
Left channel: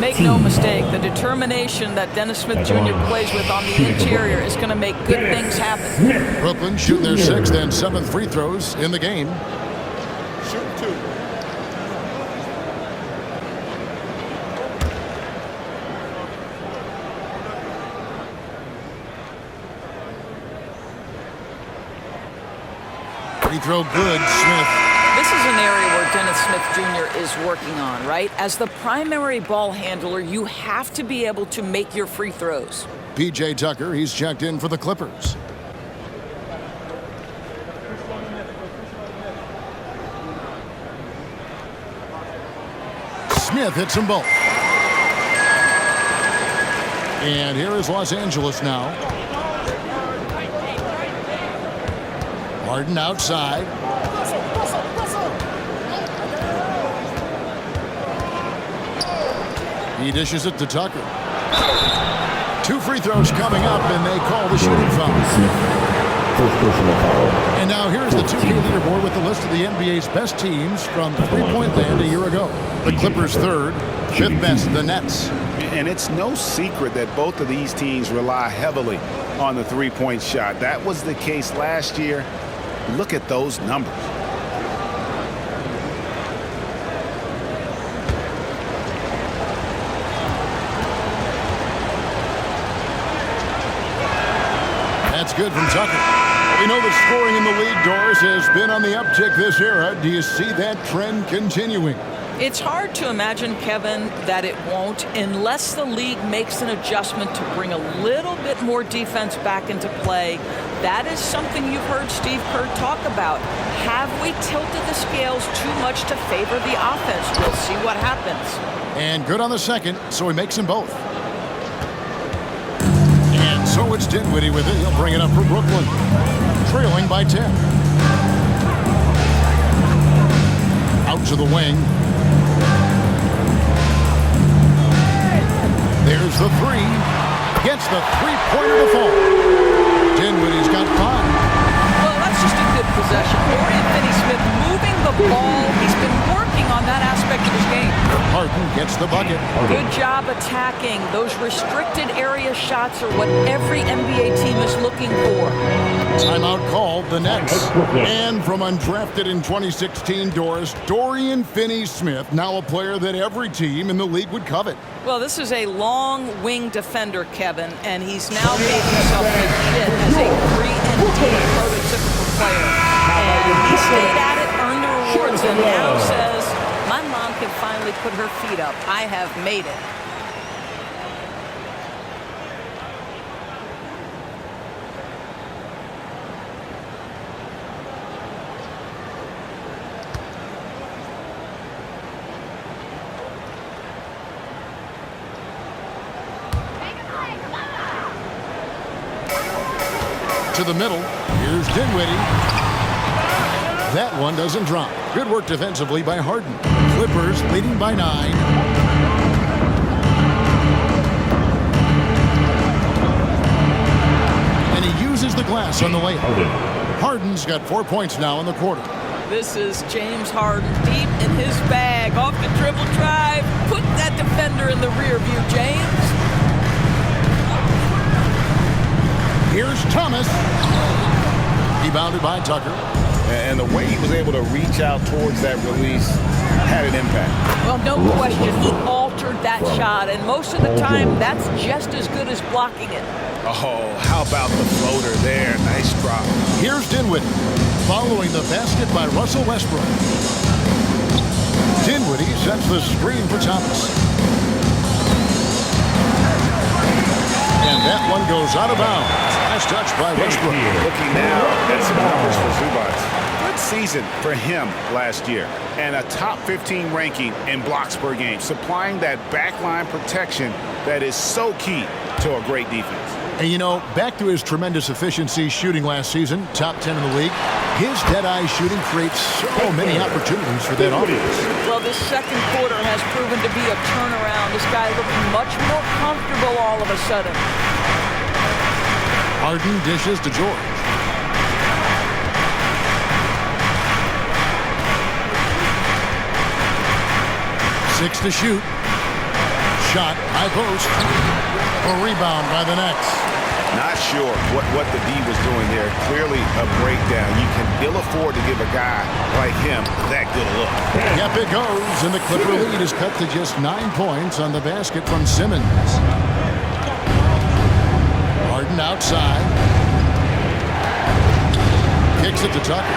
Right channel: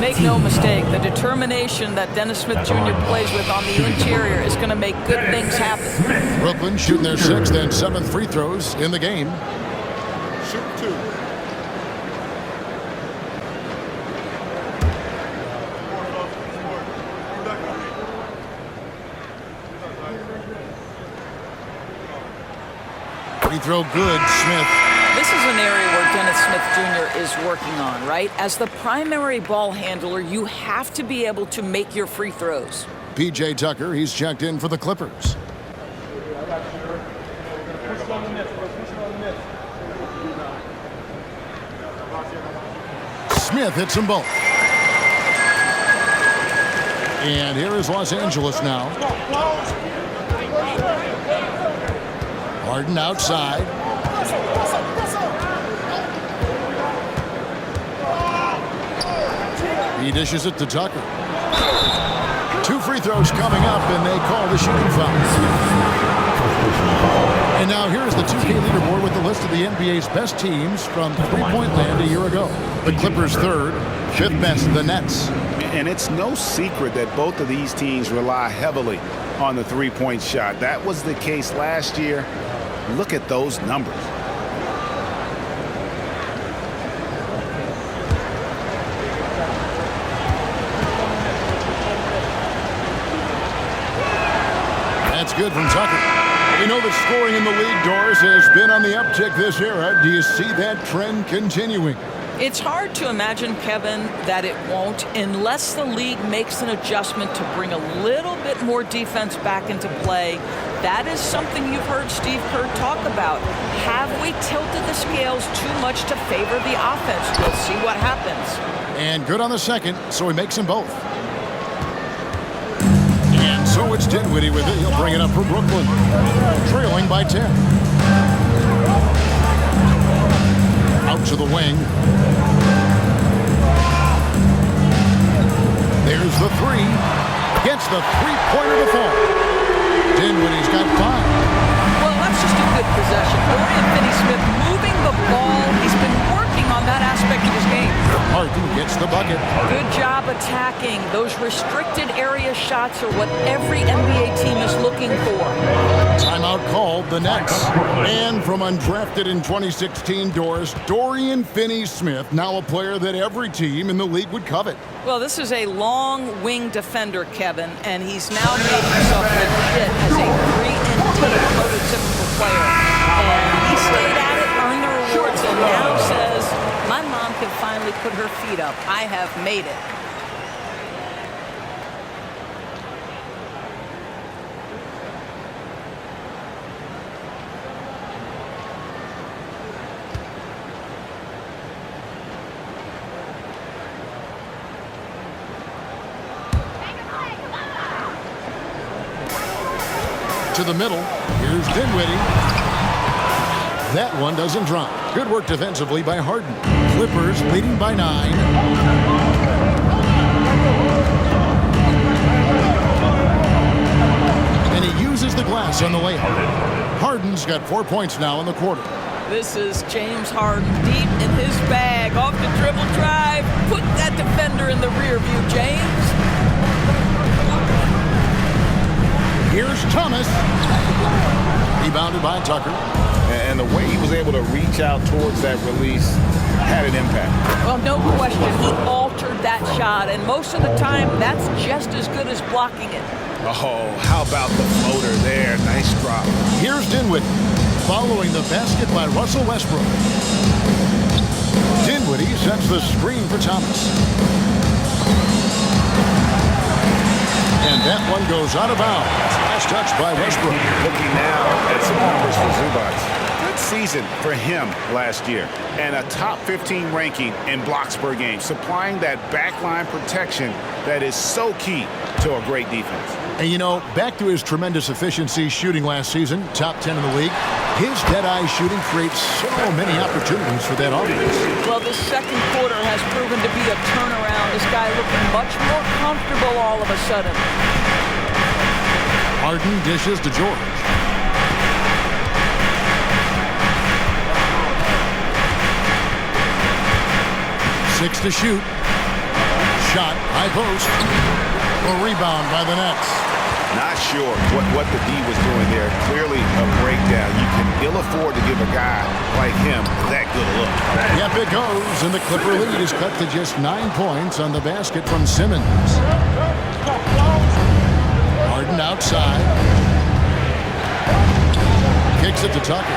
Make no mistake, the determination that Dennis Smith Jr. plays with on the interior is going to make good things happen. Brooklyn shooting their 6th and 7th free throws in the game. Shoot 2. Free throw good, Smith. This is an area where Dennis Smith Jr. is working on, right? As the primary ball handler, you have to be able to make your free throws. P.J. Tucker, he's checked in for the Clippers. Smith hits them both. And here is Los Angeles now. Harden outside. He dishes it to Tucker. 2 free throws coming up, and they call the shooting foul. And now here's the 2K leaderboard with the list of the NBA's best teams from three-point land a year ago. The Clippers 3rd, 5th best, the Nets. And it's no secret that both of these teams rely heavily on the three-point shot. That was the case last year. Look at those numbers. That's good from Tucker. We know that scoring in the league, Doris, has been on the uptick this era. Do you see that trend continuing? It's hard to imagine, Kevin, that it won't unless the league makes an adjustment to bring a little bit more defense back into play. That is something you've heard Steve Kerr talk about. Have we tilted the scales too much to favor the offense? We'll see what happens. And good on the second, so he makes them both. And so it's Dinwiddie with it. He'll bring it up for Brooklyn, trailing by 10. Out to the wing. There's the 3. Gets the three-pointer to fall. Dinwiddie's got 5. Well, that's just a good possession. Dorian Finney-Smith moving the ball. He's been working on that aspect of his game. Harden gets the bucket. Good job attacking. Those restricted area shots are what every NBA team is looking for. Timeout called, the Nets. And from undrafted in 2016, Doris, Dorian Finney-Smith, now a player that every team in the league would covet. Well, this is a long wing defender, Kevin, and he's now made himself legit as a 3-and-D prototypical player. And he stayed at it, earned the rewards, and now says, my mom can finally put her feet up. I have made it. To the middle. Here's Dinwiddie. That one doesn't drop. Good work defensively by Harden. Clippers leading by 9. And he uses the glass on the layup. Harden's got 4 points now in the quarter. This is James Harden deep in his bag. Off the dribble drive. Put that defender in the rear view, James. Here's Thomas. Rebounded by Tucker. And the way he was able to reach out towards that release had an impact. Well, no question. He altered that shot, and most of the time, that's just as good as blocking it. Oh, how about the floater there? Nice drop. Here's Dinwiddie, following the basket by Russell Westbrook. Dinwiddie sets the screen for Thomas. And that one goes out of bounds. Last touch by Westbrook. Looking now at some numbers for Zubac. Good season for him last year. And a top 15 ranking in blocks per game, supplying that backline protection that is so key to a great defense. And you know, back to his tremendous efficiency shooting last season, top 10 in the league, his dead-eye shooting creates so many opportunities for that offense. Well, this second quarter has proven to be a turnaround. This guy looking much more comfortable all of a sudden. Harden dishes to George. Six to shoot. Shot, high post. A rebound by the Nets. Not sure what the D was doing there. Clearly a breakdown. You can ill afford to give a guy like him that good a look. Yep, it goes, and the Clipper lead is cut to just 9 points on the basket from Simmons. Harden outside. Kicks it to Tucker.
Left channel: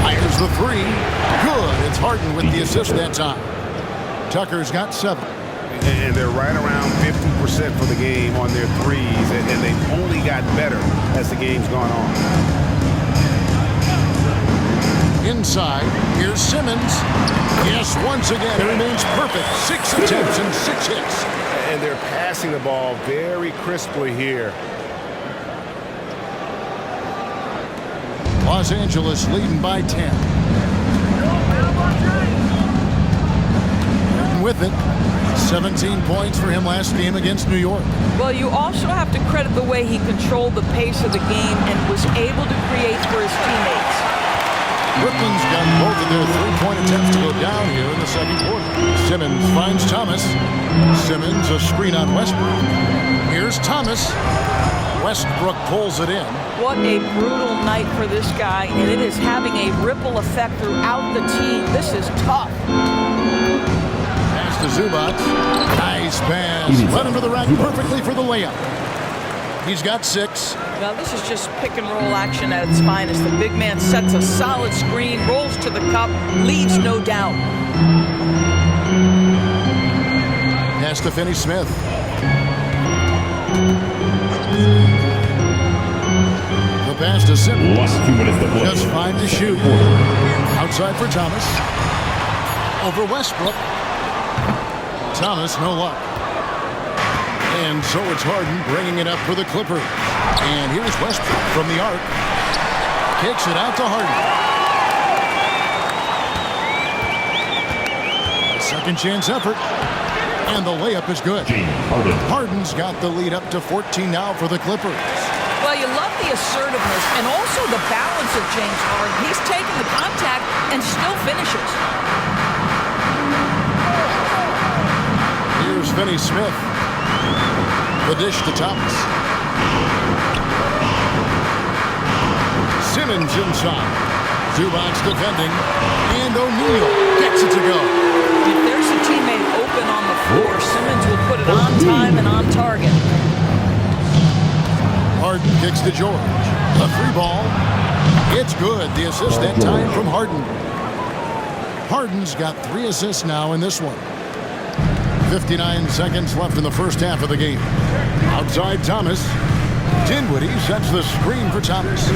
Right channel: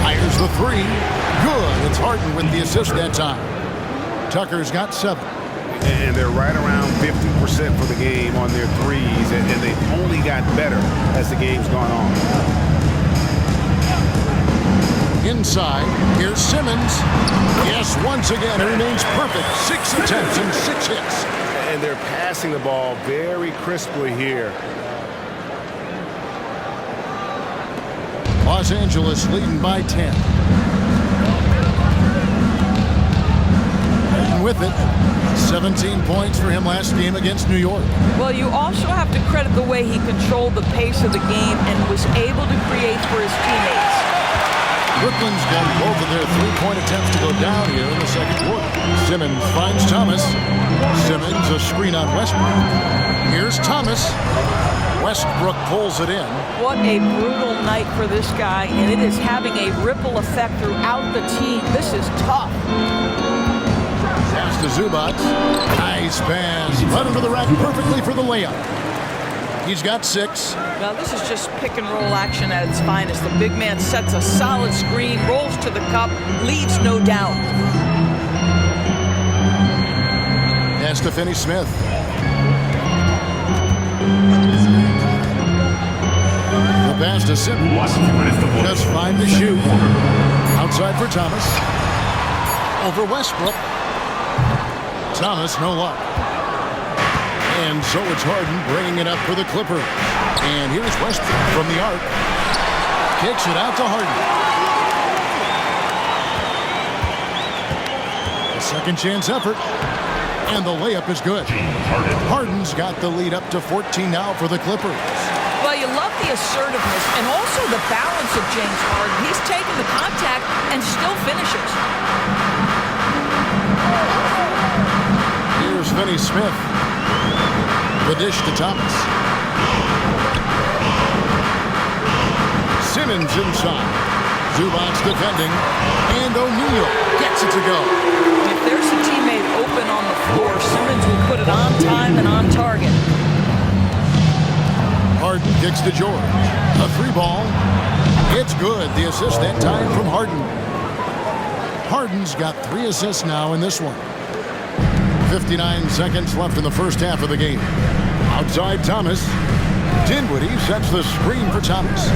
Fires the three. Good. It's Harden with the assist that time. Tucker's got 7. And they're right around 50% for the game on their threes, and they've only got better as the game's gone on. Inside, here's Simmons. Yes, once again, it remains perfect. 6 attempts and 6 hits. And they're passing the ball very crisply here. Los Angeles leading by 10. Harden with it. 17 points for him last game against New York. Well, you also have to credit the way he controlled the pace of the game and was able to create for his teammates. Brooklyn's got both of their three-point attempts to go down here in the second quarter. Simmons finds Thomas. Simmons, a screen on Westbrook. Here's Thomas. Westbrook pulls it in. What a brutal night for this guy, and it is having a ripple effect throughout the team. This is tough. Pass to Zubac. Nice pass. Led him to the rack perfectly for the layup. He's got 6. Now this is just pick and roll action at its finest. The big man sets a solid screen, rolls to the cup, leaves no doubt. Pass to Finney-Smith. The pass to Simmons. Just 5 to shoot. Outside for Thomas. Over Westbrook. Thomas, no luck. And so it's Harden bringing it up for the Clippers. And here's Westbrook from the arc. Kicks it out to Harden. A second chance effort. And the layup is good. Harden's got the lead up to 14 now for the Clippers. Well, you love the assertiveness and also the balance of James Harden. He's taken the contact and still finishes. Here's Finney-Smith. The dish to Thomas. Simmons inside. Zubac defending. And O'Neal gets it to go. If there's a teammate open on the floor, Simmons will put it on time and on target. Harden kicks to George. A 3-ball. It's good. The assist that time from Harden. Harden's got 3 assists now in this one. 59 seconds left in the first half of the game. Outside Thomas. Dinwiddie sets the screen for Thomas.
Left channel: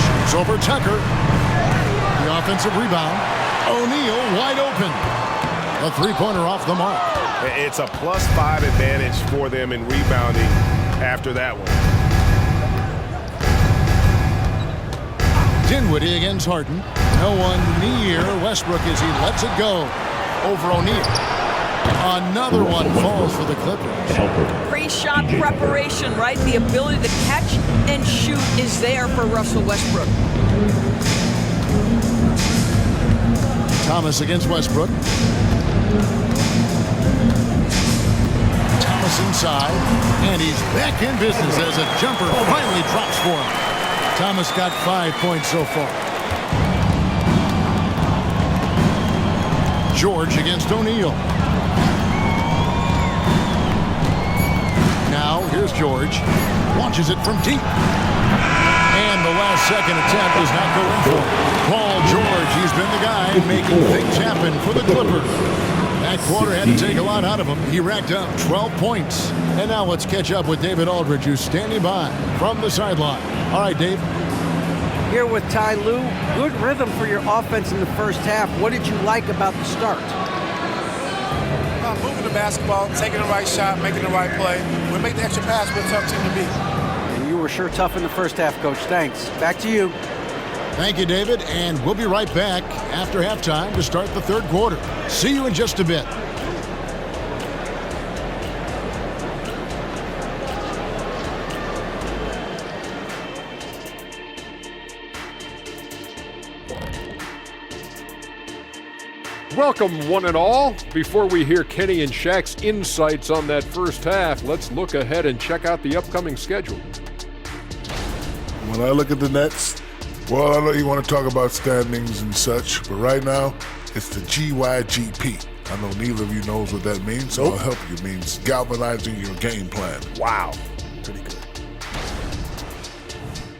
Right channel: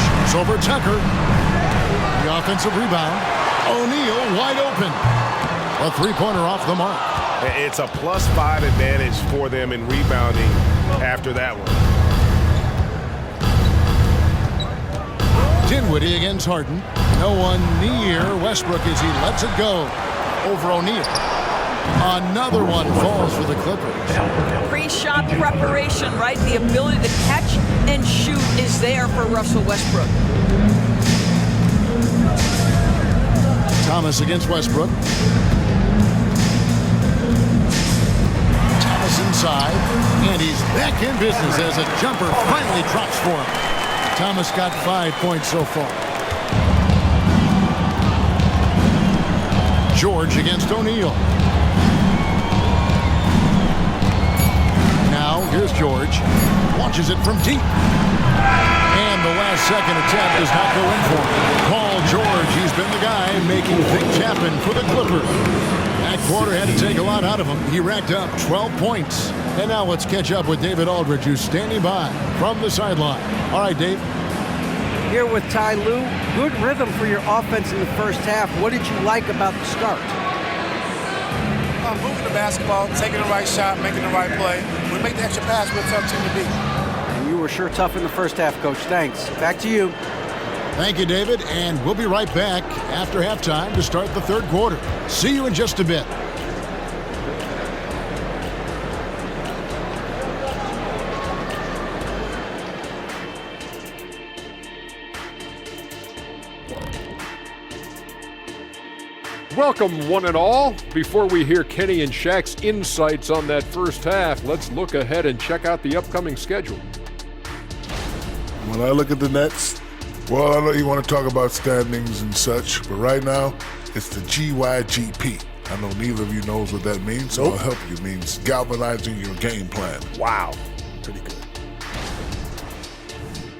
Shoots over Tucker. The offensive rebound. O'Neal wide open. A 3-pointer off the mark. It's a +5 advantage for them in rebounding after that one. Dinwiddie against Harden. No one near Westbrook as he lets it go over O'Neal. Another one falls for the Clippers. Pre-shot preparation, right? The ability to catch and shoot is there for Russell Westbrook. Thomas against Westbrook. Thomas inside, and he's back in business as a jumper finally drops for him. Thomas got 5 points so far. George against O'Neal. Now, here's George. Launches it from deep. And the last second attempt does not go in for him. Paul George, he's been the guy making things happen for the Clippers. That quarter had to take a lot out of him. He racked up 12 points. And now let's catch up with David Aldridge, who's standing by from the sideline. All right, Dave. Here with Ty Lue. Good rhythm for your offense in the first half. What did you like about the start? Moving the basketball, taking the right shot, making the right play. We make the extra pass, we're a tough team to beat. And you were sure tough in the first half, Coach. Thanks. Back to you. Thank you, David. And we'll be right back after halftime to start the third quarter. See you in just a bit. Welcome, one and all. Before we hear Kenny and Shaq's insights on that first half, let's look ahead and check out the upcoming schedule. When I look at the Nets, well, I know you want to talk about standings and such, but right now, it's the GYGP. I know neither of you knows what that means, so I'll help you. It means galvanizing your game plan. Wow. Pretty good.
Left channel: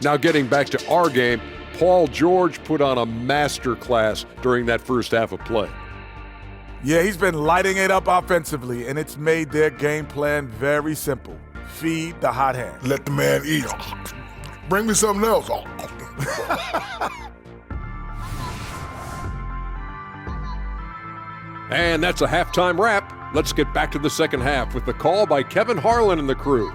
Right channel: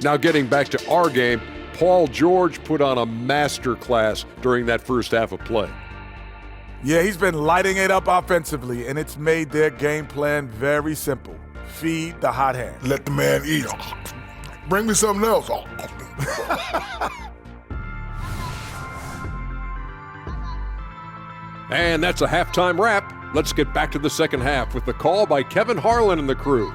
Now getting back to our game, Paul George put on a master class during that first half of play. Yeah, he's been lighting it up offensively, and it's made their game plan very simple. Feed the hot hand. Let the man eat. Bring me something else. And that's a halftime wrap. Let's get back to the second half with the call by Kevin Harlan and the crew.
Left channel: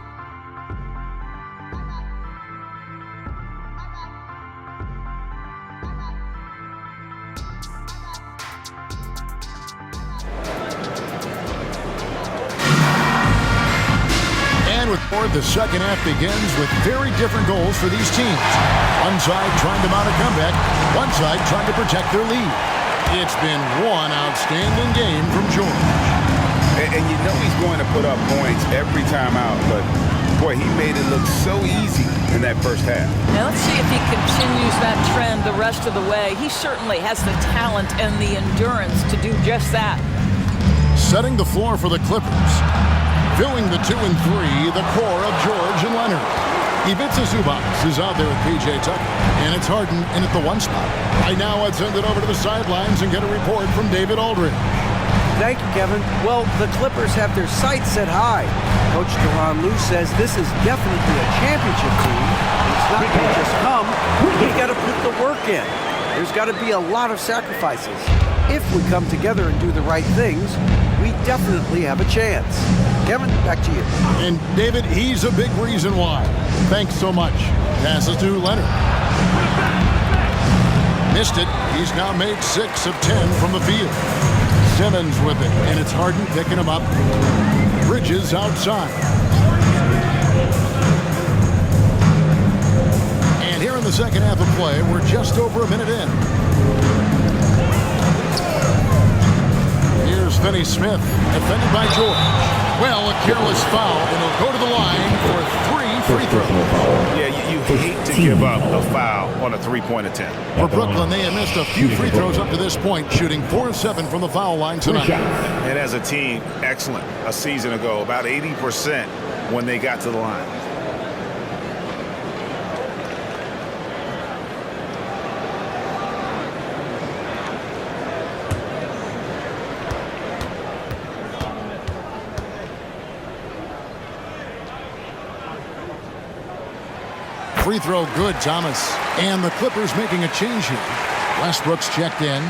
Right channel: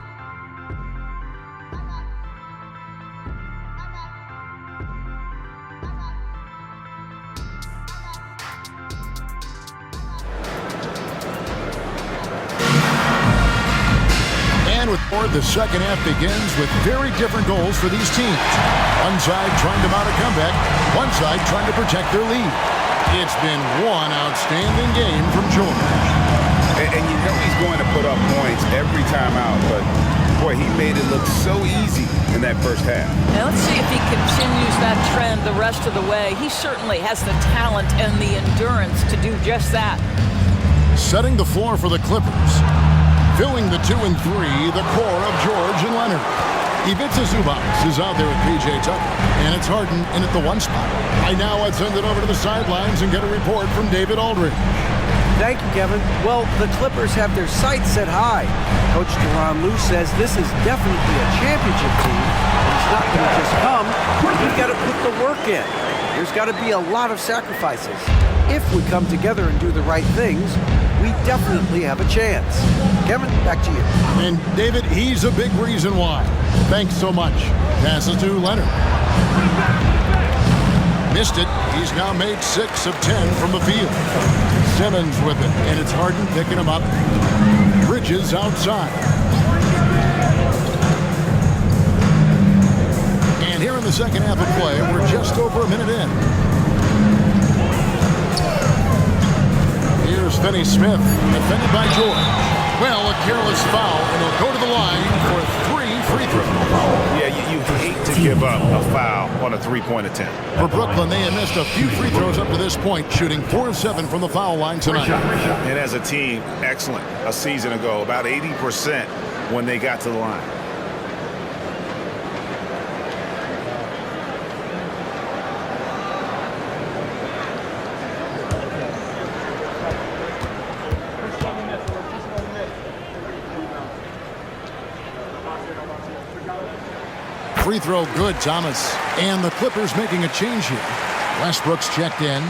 And with more, the second half begins with very different goals for these teams. One side trying to mount a comeback, one side trying to protect their lead. It's been one outstanding game from George. And you know he's going to put up points every time out, but boy, he made it look so easy in that first half. Now let's see if he continues that trend the rest of the way. He certainly has the talent and the endurance to do just that. Setting the floor for the Clippers. Filling the 2 and 3, the core of George and Leonard. Ivica Zubac is out there with P.J. Tucker, and it's Harden in at the 1 spot. Right now, let's send it over to the sidelines and get a report from David Aldridge. Thank you, Kevin. Well, the Clippers have their sights set high. Coach Tyronn Lue says this is definitely a championship team, and it's not going to just come. We've got to put the work in. There's got to be a lot of sacrifices. If we come together and do the right things, we definitely have a chance. Kevin, back to you. And David, he's a big reason why. Thanks so much. Passes to Leonard. Missed it. He's now made 6 of 10 from the field. Simmons with it, and it's Harden picking him up. Bridges outside. And here in the second half of play, we're just over a minute in. Here's Finney-Smith, defended by George. Well, a careless foul, and he'll go to the line for 3 free throws. Yeah, you hate to give up a foul on a three-point attempt. For Brooklyn, they have missed a few free throws up to this point, shooting 4 of 7 from the foul line tonight. And as a team, excellent. A season ago, about 80% when they got to the line. Free throw good, Thomas. And the Clippers making a change here. Westbrook's checked in.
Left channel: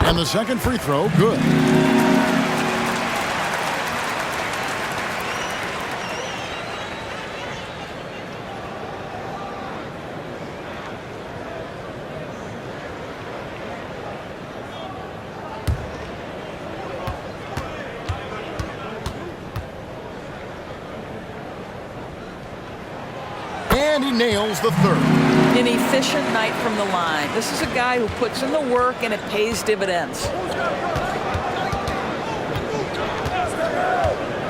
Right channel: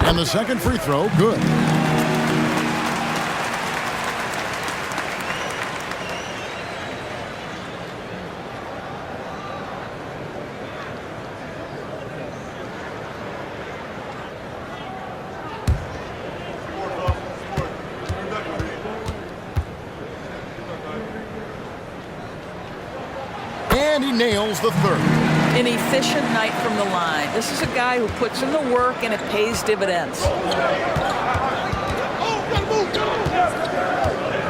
And the second free throw, good. And he nails the third. An efficient night from the line. This is a guy who puts in the work and it pays dividends.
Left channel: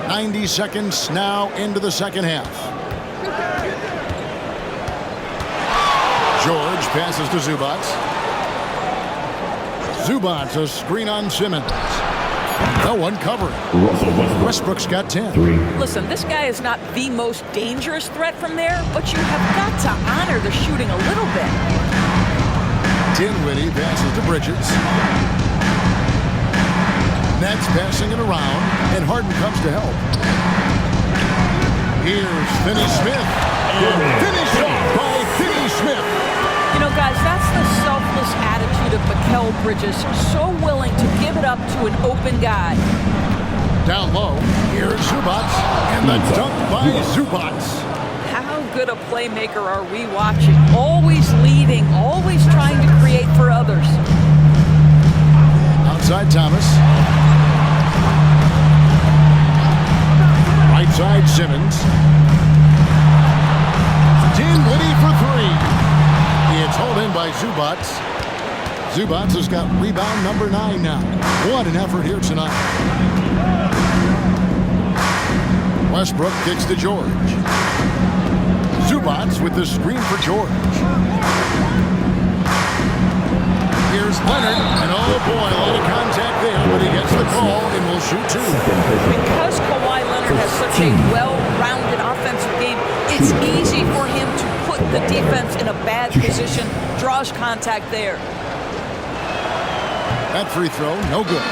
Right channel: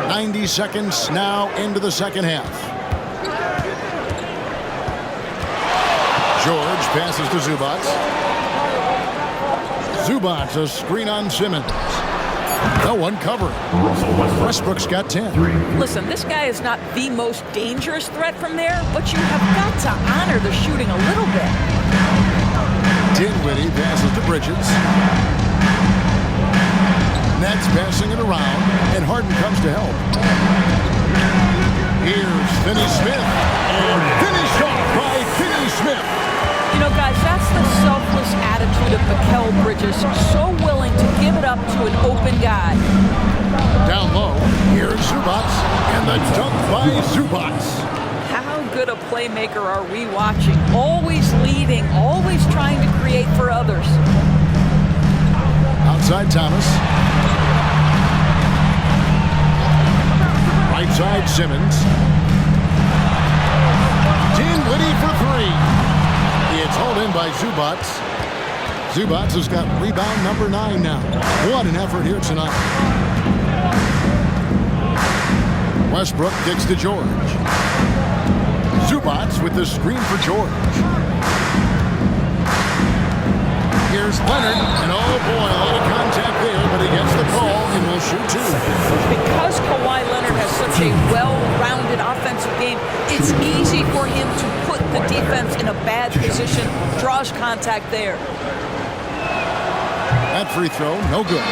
90 seconds now into the second half. George passes to Zubac. Zubac, a screen on Simmons. No one covering. Westbrook's got 10. Listen, this guy is not the most dangerous threat from there, but you have got to honor the shooting a little bit. Dinwiddie passes to Bridges. Nets passing it around, and Harden comes to help. Here's Finney-Smith, and finished off by Finney-Smith. You know, guys, that's the selfless attitude of Mikal Bridges, so willing to give it up to an open guy. Down low, here's Zubac, and the dunk by Zubac. How good a playmaker are we watching? Always lead leading, always trying to create for others. Outside Thomas. Right side Simmons. Dinwiddie for three. It's hauled in by Zubats. Zubats has got rebound number 9 now. What an effort here tonight. Westbrook kicks to George. Zubats with the screen for George. Here's Leonard, and oh boy, a lot of contact there, but he gets the call and will shoot 2. Because Kawhi Leonard has such a well-rounded offensive game, it's easy for him to put the defense in a bad position, draws contact there. That free throw, no good.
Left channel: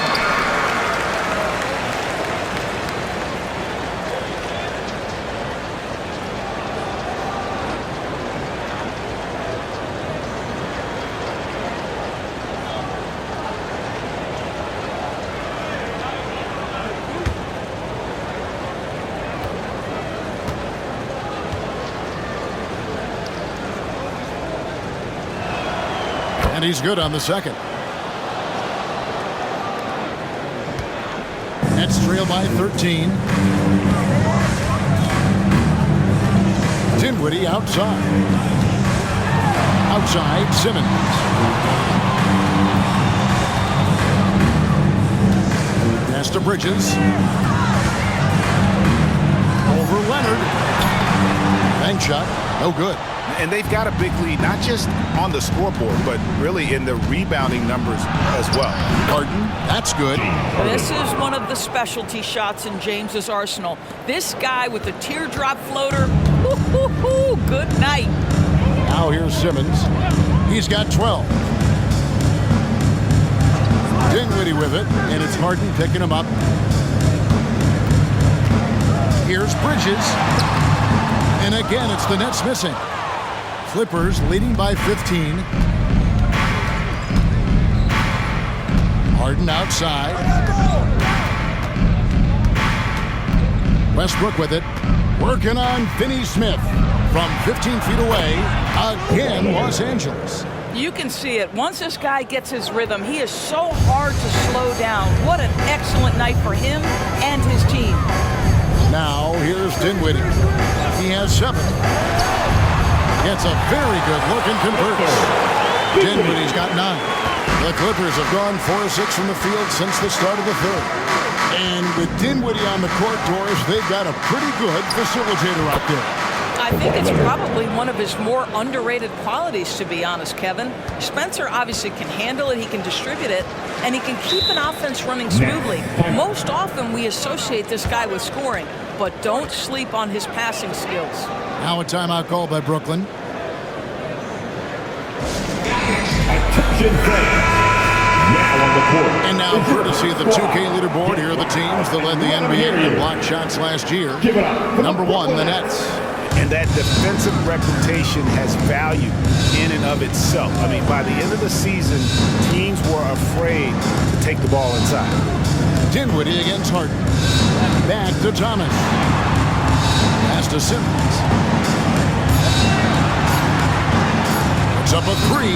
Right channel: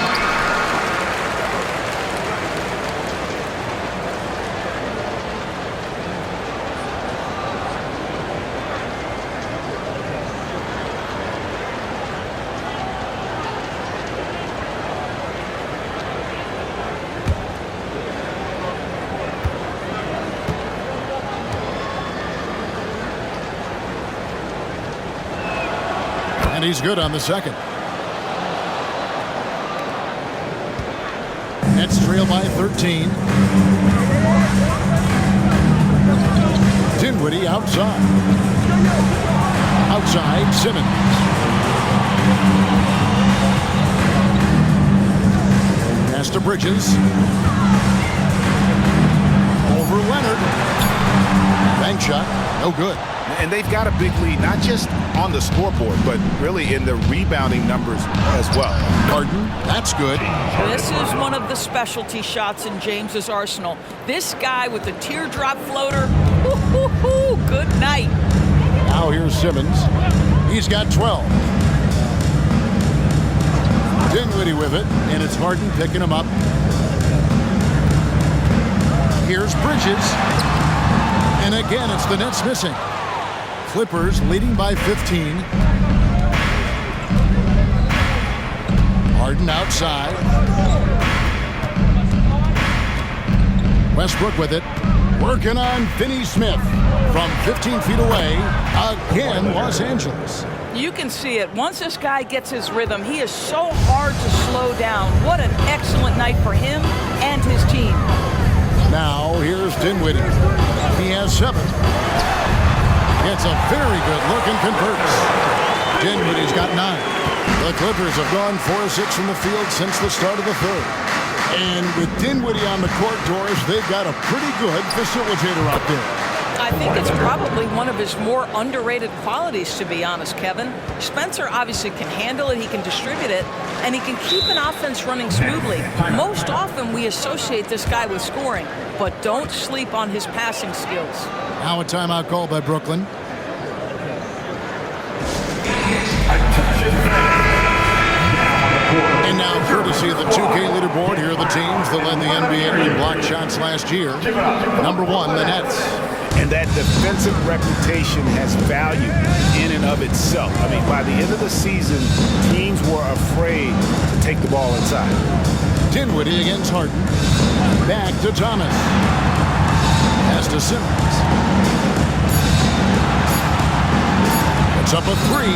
And he's good on the second. Nets trail by 13. Dinwiddie outside. Outside Simmons. Pass to Bridges. Over Leonard. Bank shot, no good. And they've got a big lead, not just on the scoreboard, but really in the rebounding numbers as well. Harden, that's good. This is one of the specialty shots in James's arsenal. This guy with the teardrop floater, good night. Now here's Simmons. He's got 12. Dinwiddie with it, and it's Harden picking him up. Here's Bridges. And again, it's the Nets missing. Clippers leading by 15. Harden outside. Westbrook with it. Working on Finney Smith from 15 feet away. Again, Los Angeles. You can see it. Once this guy gets his rhythm, he is so hard to slow down. What an excellent night for him and his team. Now, here's Dinwiddie. He has 7. Gets a very good look and converts. Dinwiddie's got 9. The Clippers have gone 4 of 6 from the field since the start of the third. And with Dinwiddie on the court, Doris, they've got a pretty good facilitator out there. I think it's probably one of his more underrated qualities, to be honest, Kevin. Spencer obviously can handle it, he can distribute it, and he can keep an offense running smoothly. Most often we associate this guy with scoring, but don't sleep on his passing skills. Now a timeout call by Brooklyn. Attention fans. Now on the court. And now, courtesy of the 2K leaderboard, here are the teams that led the NBA in block shots last year. Number 1, the Nets. And that defensive reputation has value in and of itself. I mean, by the end of the season, teams were afraid to take the ball inside. Dinwiddie against Harden. Back to Thomas. Pass to Simmons. Puts up a 3.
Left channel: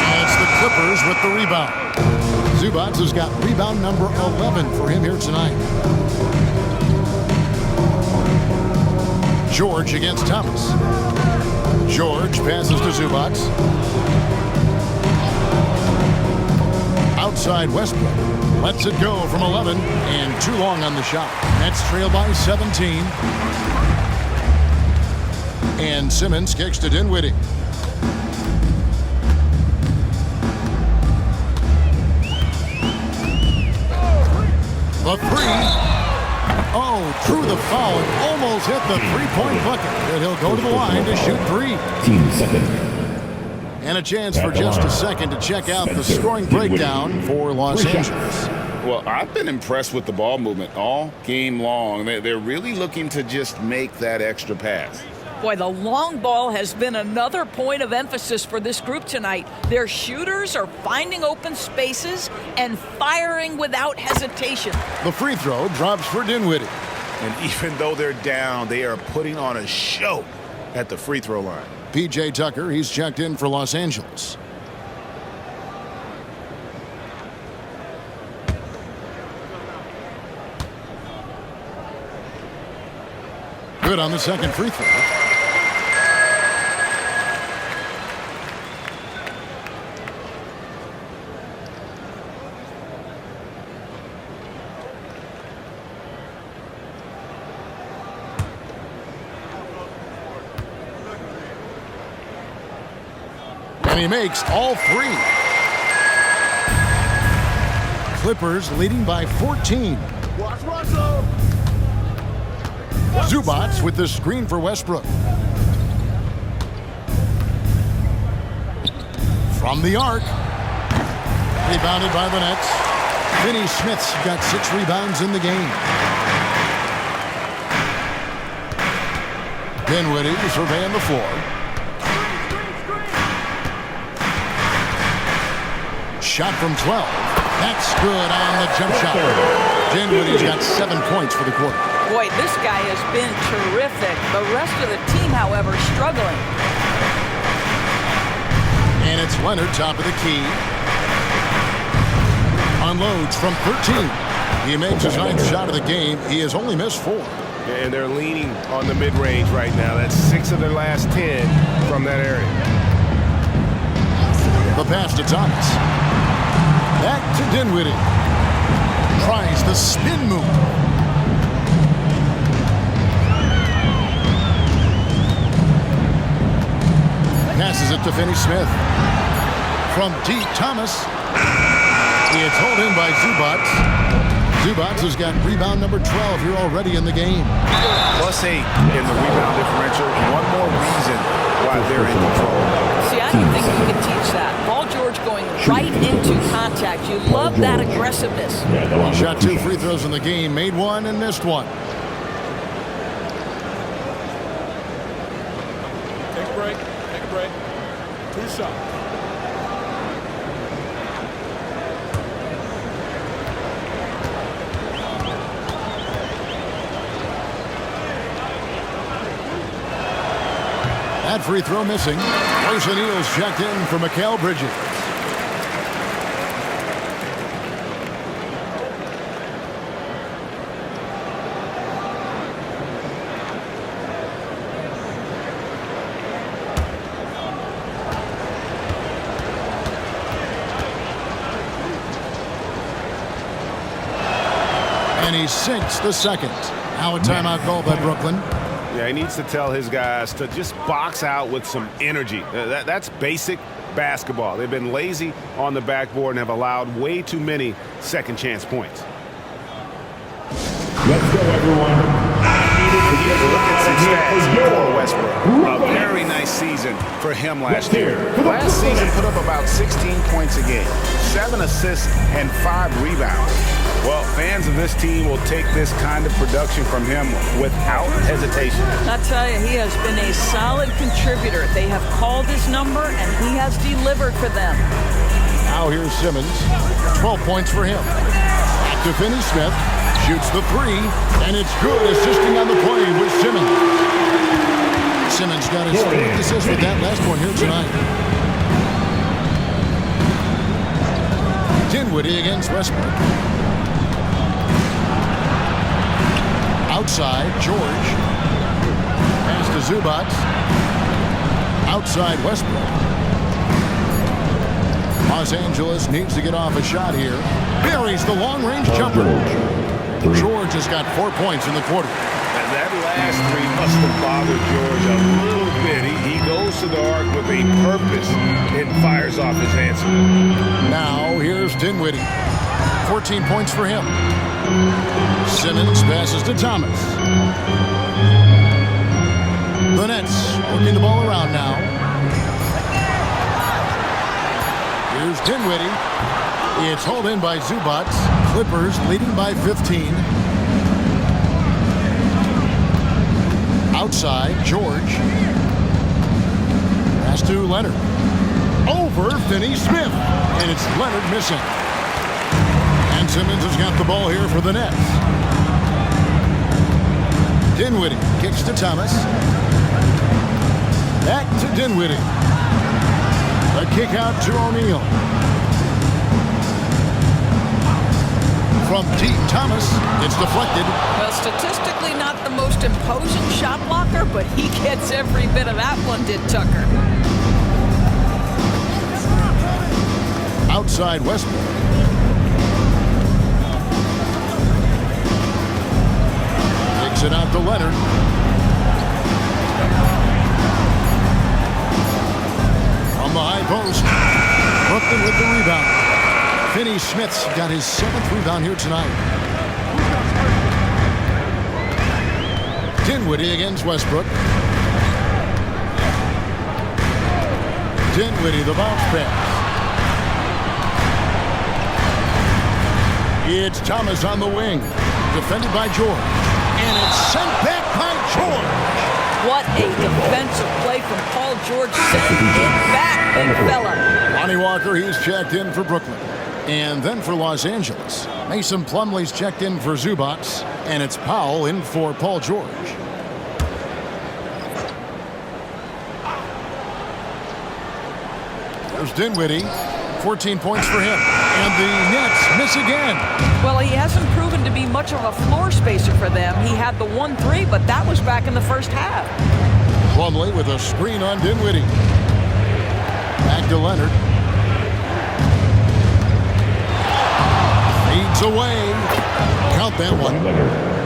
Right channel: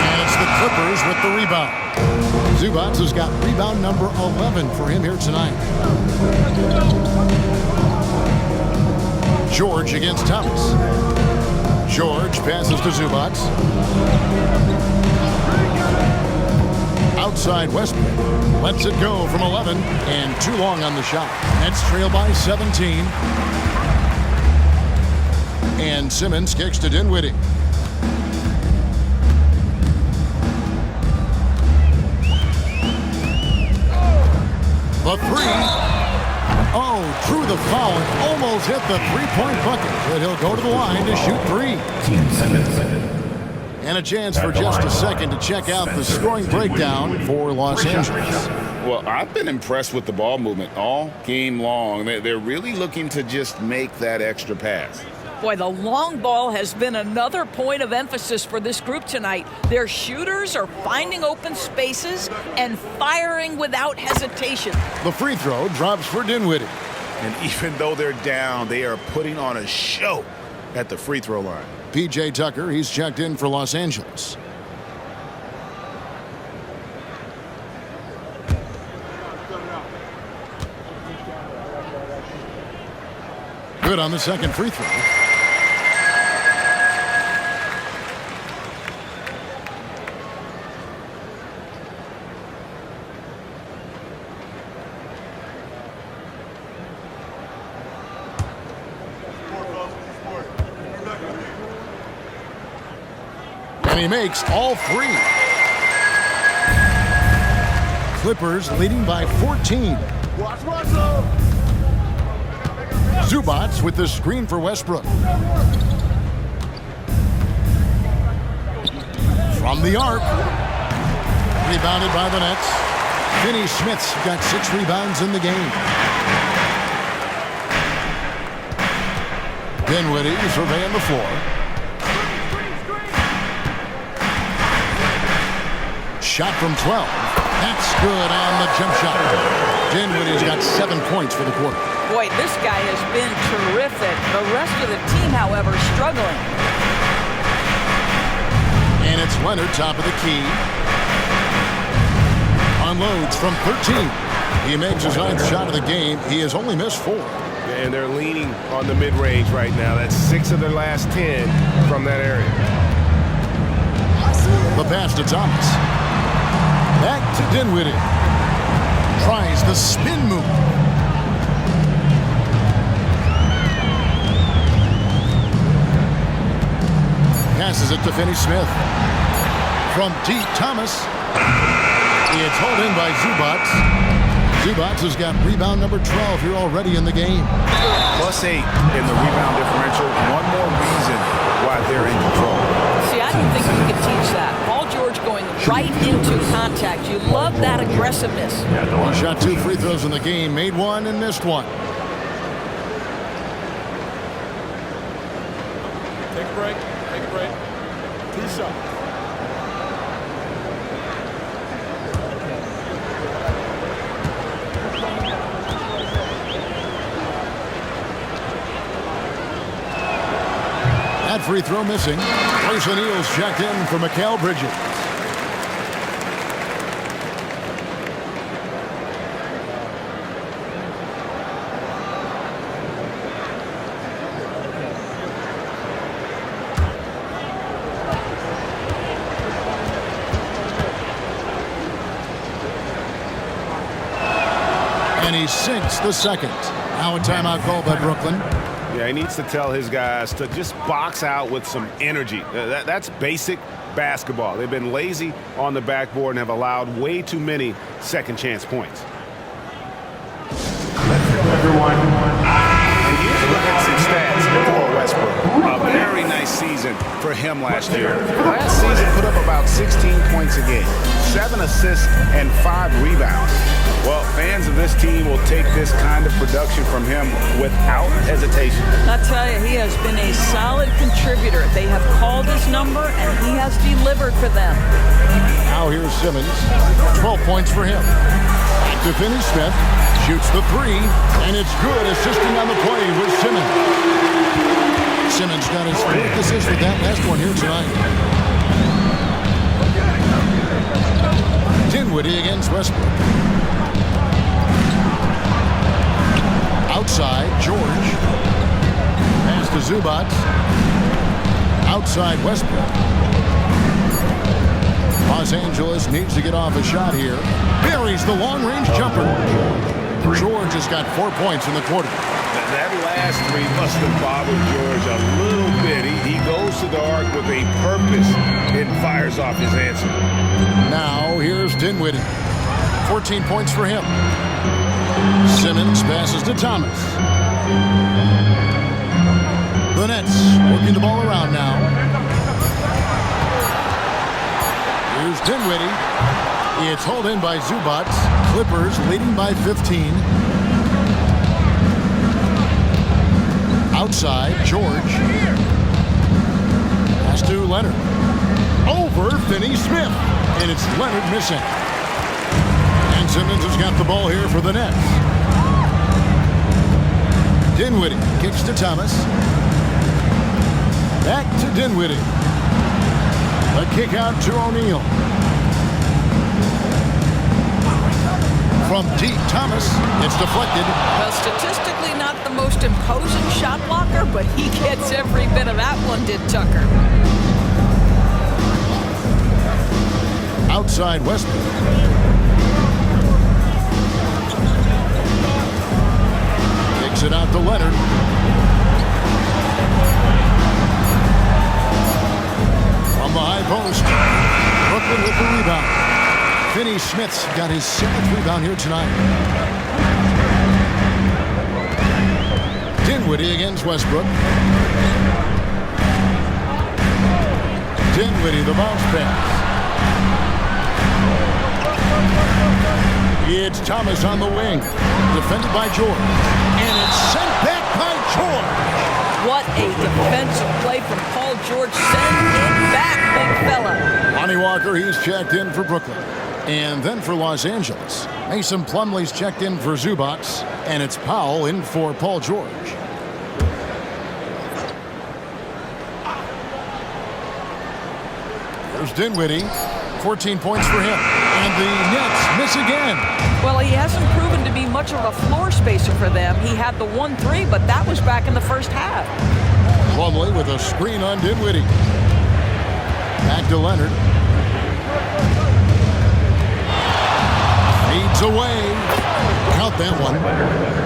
And it's the Clippers with the rebound. Zubats has got rebound number 11 for him here tonight. George against Thomas. George passes to Zubats. Outside Westbrook. Lets it go from 11 and too long on the shot. Nets trail by 17. And Simmons kicks to Dinwiddie. The 3. Oh, drew the foul and almost hit the three-point bucket. But he'll go to the line to shoot 3. Team seconds. And a chance for just a second to check out the scoring breakdown for Los Angeles. Well, I've been impressed with the ball movement all game long. They're really looking to just make that extra pass. Boy, the long ball has been another point of emphasis for this group tonight. Their shooters are finding open spaces and firing without hesitation. The free throw drops for Dinwiddie. And even though they're down, they are putting on a show at the free throw line. P.J. Tucker. He's checked in for Los Angeles. Good on the second free throw. And he makes all three. Clippers leading by 14. Watch Russell. Zubats with the screen for Westbrook. From the arc. Rebounded by the Nets. Finney Smith's got 6 rebounds in the game. Dinwiddie surveying the floor. Shot from 12. That's good on the jump shot. Dinwiddie's got 7 points for the quarter. Boy, this guy has been terrific. The rest of the team, however, struggling. And it's Leonard, top of the key. Unloads from 13. He makes his 9th shot of the game. He has only missed 4. And they're leaning on the mid-range right now. That's 6 of their last 10 from that area. The pass to Thomas. Back to Dinwiddie. Tries the spin move. Passes it to Finney Smith. From deep, Thomas. It's hauled in by Zubats. Zubats has got rebound number 12 here already in the game. +8 in the rebound differential. One more reason why they're in control. See, I don't think you can teach that. Paul George going right into contact. You love that aggressiveness. He shot 2 free throws in the game, made 1 and missed 1. Take a break. Take a break. 2 shots. That free throw missing. Grayson Eels checked in for Mikal Bridges. And he sinks the second. Now a timeout call by Brooklyn. Yeah, he needs to tell his guys to just box out with some energy. That's basic basketball. They've been lazy on the backboard and have allowed way too many second chance points. Let's go, everyone. And here's a look at some stats for Westbrook. A very nice season for him last year. Last season put up about 16 points a game, 7 assists, and 5 rebounds. Well, fans of this team will take this kind of production from him without hesitation. I tell you, he has been a solid contributor. They have called his number, and he has delivered for them. Now here's Simmons. 12 points for him. Back to Finney Smith. Shoots the 3, and it's good, assisting on the play with Simmons. Simmons got his 4th assist with that last one here tonight. Dinwiddie against Westbrook. Outside, George. Pass to Zubats. Outside, Westbrook. Los Angeles needs to get off a shot here. Buries the long-range jumper. George has got 4 points in the quarter. That last 3 must have bothered George a little bit. He goes to the arc with a purpose and fires off his answer. Now here's Dinwiddie. 14 points for him. Simmons passes to Thomas. The Nets working the ball around now. Here's Dinwiddie. It's hauled in by Zubats. Clippers leading by 15. Outside, George. Pass to Leonard. Over Finney Smith. And it's Leonard missing. And Simmons has got the ball here for the Nets. Dinwiddie kicks to Thomas. Back to Dinwiddie. The kick out to O'Neal. From deep, Thomas. It's deflected. Well, statistically not the most imposing shot blocker, but he gets every bit of that one, did Tucker. Outside Westbrook. Takes it out to Leonard. From the high post. Brooklyn with the rebound. Finney-Smith's got his 7th rebound here tonight. Dinwiddie against Westbrook. Dinwiddie, the bounce pass. It's Thomas on the wing. Defended by George. And it's sent back by George. What a defensive play from Paul George. Send it back, big fella. Lonnie Walker, he's checked in for Brooklyn. And then for Los Angeles, Mason Plumlee's checked in for Zubats. And it's Powell in for Paul George. There's Dinwiddie. 14 points for him. And the Nets miss again. Well, he hasn't proven to be much of a floor spacer for them. He had the 1-3, but that was back in the first half. Plumlee with a screen on Dinwiddie. Back to Leonard. Fades away. Count that one.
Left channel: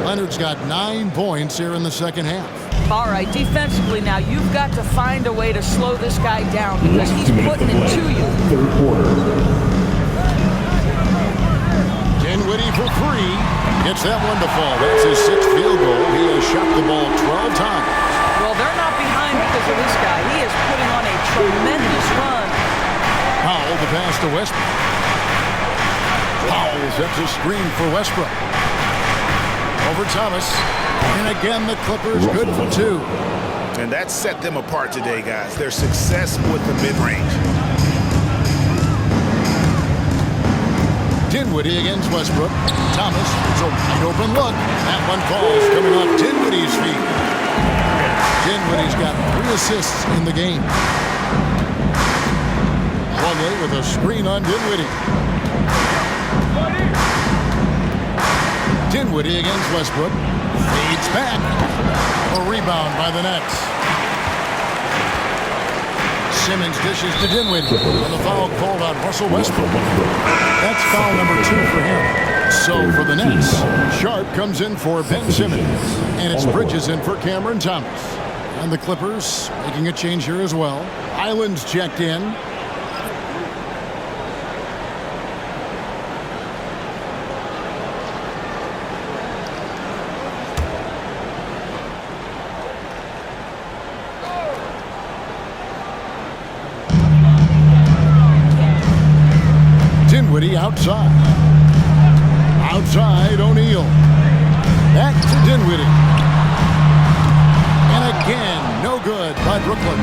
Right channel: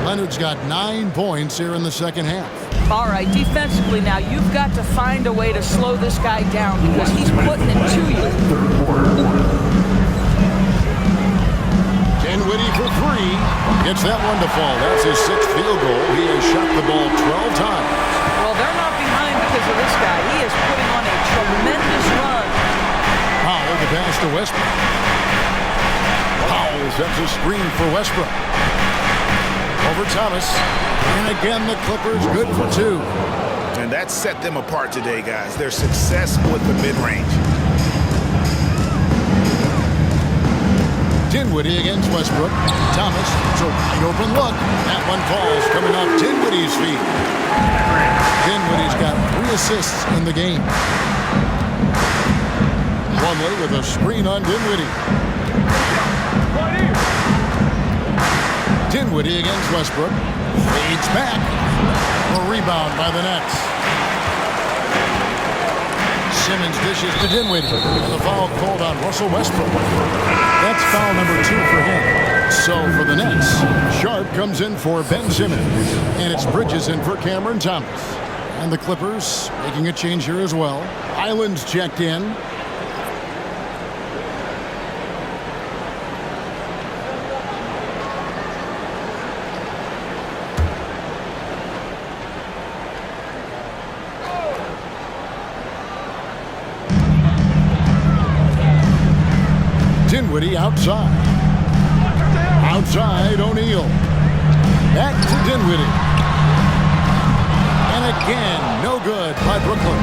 Leonard's got 9 points here in the second half. All right, defensively now, you've got to find a way to slow this guy down because he's putting it to you. Dinwiddie for 3. Gets that one to fall. That's his 6th field goal. He has shot the ball 12 times. Well, they're not behind because of this guy. He is putting on a tremendous run. Powell, the pass to Westbrook. Powell sets a screen for Westbrook. Over Thomas. And again, the Clippers good for 2. And that set them apart today, guys. Their success with the mid-range. Dinwiddie against Westbrook. Thomas, it's a wide open look. That one falls coming off Dinwiddie's feet. Dinwiddie's got 3 assists in the game. Plumlee with a screen on Dinwiddie. Dinwiddie against Westbrook. Fades back. A rebound by the Nets. Simmons dishes to Dinwiddie. And the foul called on Russell Westbrook. That's foul number 2 for him. So for the Nets, Sharp comes in for Ben Simmons. And it's Bridges in for Cameron Thomas. And the Clippers making a change here as well. Island's checked in. Dinwiddie outside. Outside O'Neal. Back to Dinwiddie. And again, no good by Brooklyn.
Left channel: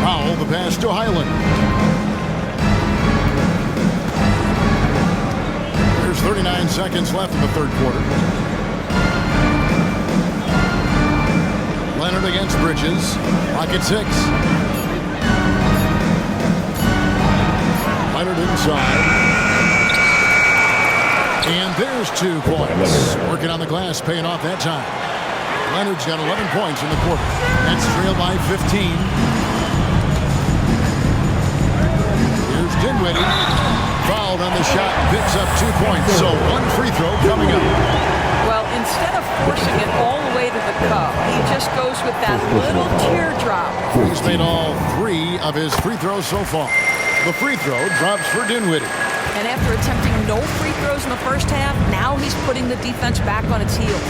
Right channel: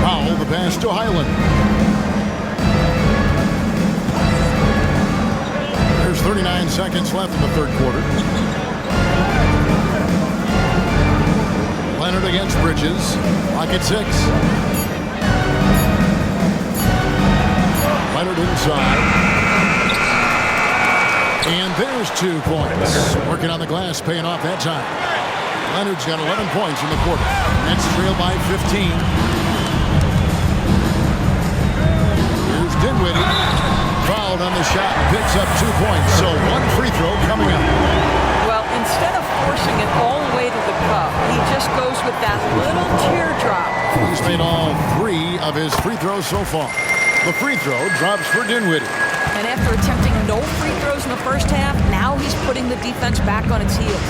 Powell, the pass to Highland. There's 39 seconds left in the third quarter. Leonard against Bridges. Clock at 6. Leonard inside. And there's 2 points. Working on the glass, paying off that time. Leonard's got 11 points in the quarter. Nets trail by 15. Here's Dinwiddie. Fouled on the shot and picks up 2 points. So 1 free throw coming up. Well, instead of forcing it all the way to the cup, he just goes with that little teardrop. He's made all 3 of his free throws so far. The free throw drops for Dinwiddie. And after attempting no free throws in the first half, now he's putting the defense back on its heels.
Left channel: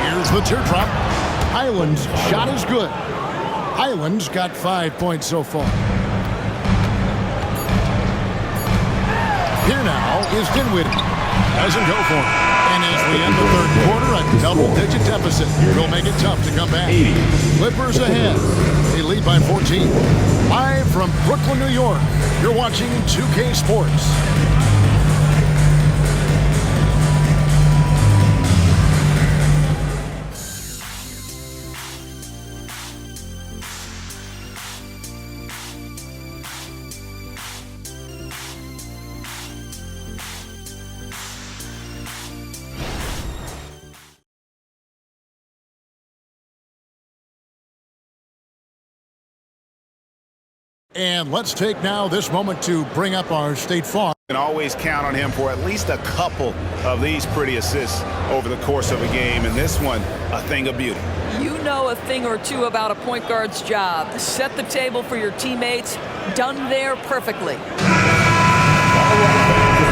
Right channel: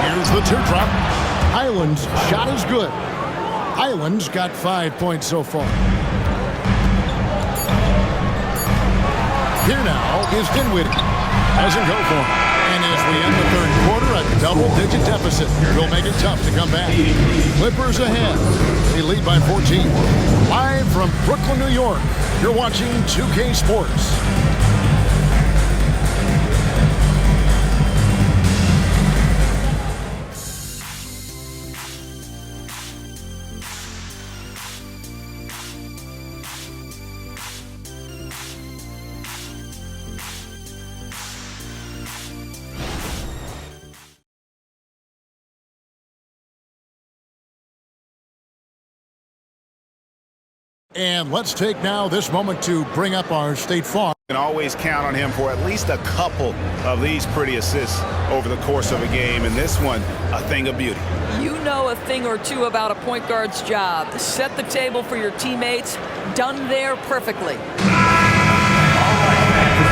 Here's the teardrop. Highland's shot is good. Highland's got 5 points so far. Here now is Dinwiddie. Doesn't go for him. And as we end the third quarter, a double-digit deficit will make it tough to come back. Clippers ahead. They lead by 14. Live from Brooklyn, New York, you're watching 2K Sports. And let's take now this moment to bring up our State Farm. You can always count on him for at least a couple of these pretty assists over the course of a game, and this one, a thing of beauty. You know a thing or two about a point guard's job. Set the table for your teammates. Done there perfectly.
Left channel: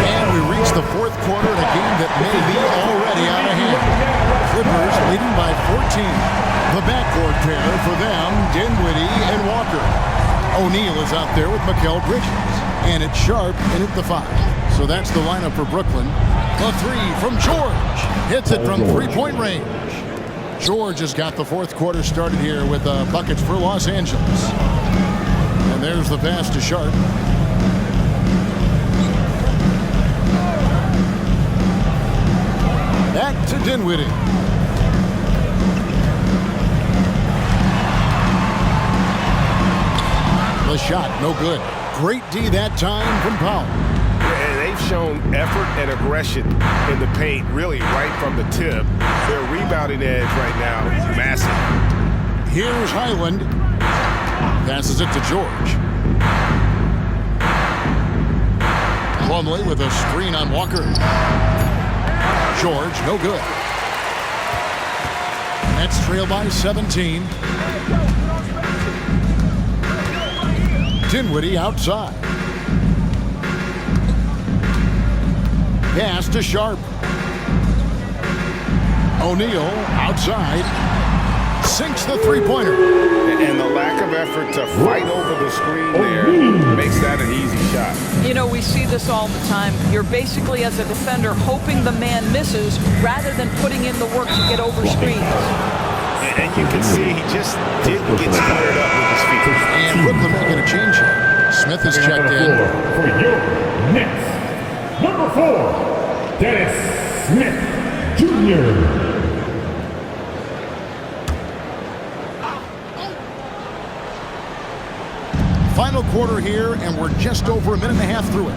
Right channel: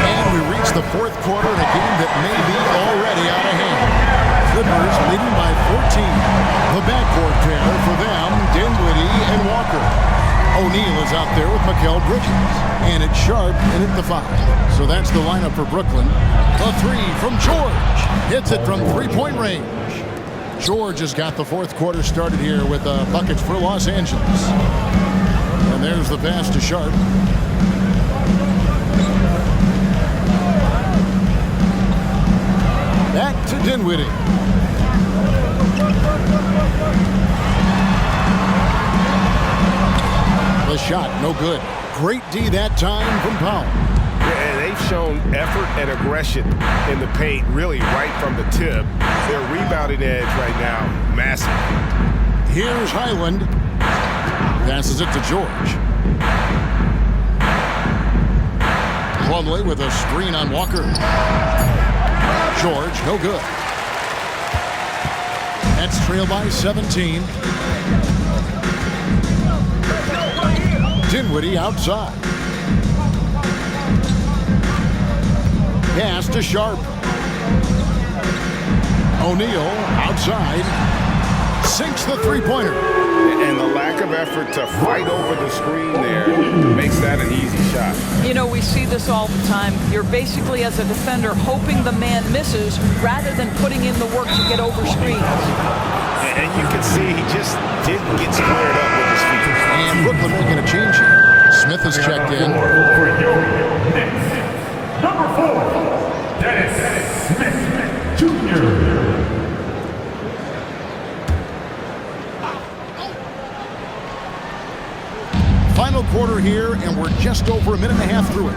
And we reach the fourth quarter in a game that may be already out of hand. Clippers leading by 14. The backcourt pair for them, Dinwiddie and Walker. O'Neal is out there with Mikal Bridges. And it's Sharp in at the 5. So that's the lineup for Brooklyn. The 3 from George. Hits it from three-point range. George has got the fourth quarter started here with buckets for Los Angeles. And there's the pass to Sharp. Back to Dinwiddie. The shot, no good. Great D that time from Powell. Yeah, they've shown effort and aggression in the paint, really right from the tip. Their rebounding edge right now, massive. Here's Highland. Passes it to George. Plumlee with a screen on Walker. George, no good. Nets trail by 17. Dinwiddie outside. Pass to Sharp. O'Neal outside. Sinks the three-pointer. And the lack of effort to fight over the screen there makes that an easy shot. You know, we see this all the time. You're basically, as a defender, hoping the man misses rather than putting in the work to get over screens. And you can see he just didn't get squared up with his feet. And Brooklyn making a change here. Smith has checked in. For your Nets, number 4, Dennis Smith Jr. Final quarter here, and we're just over a minute and a half through it.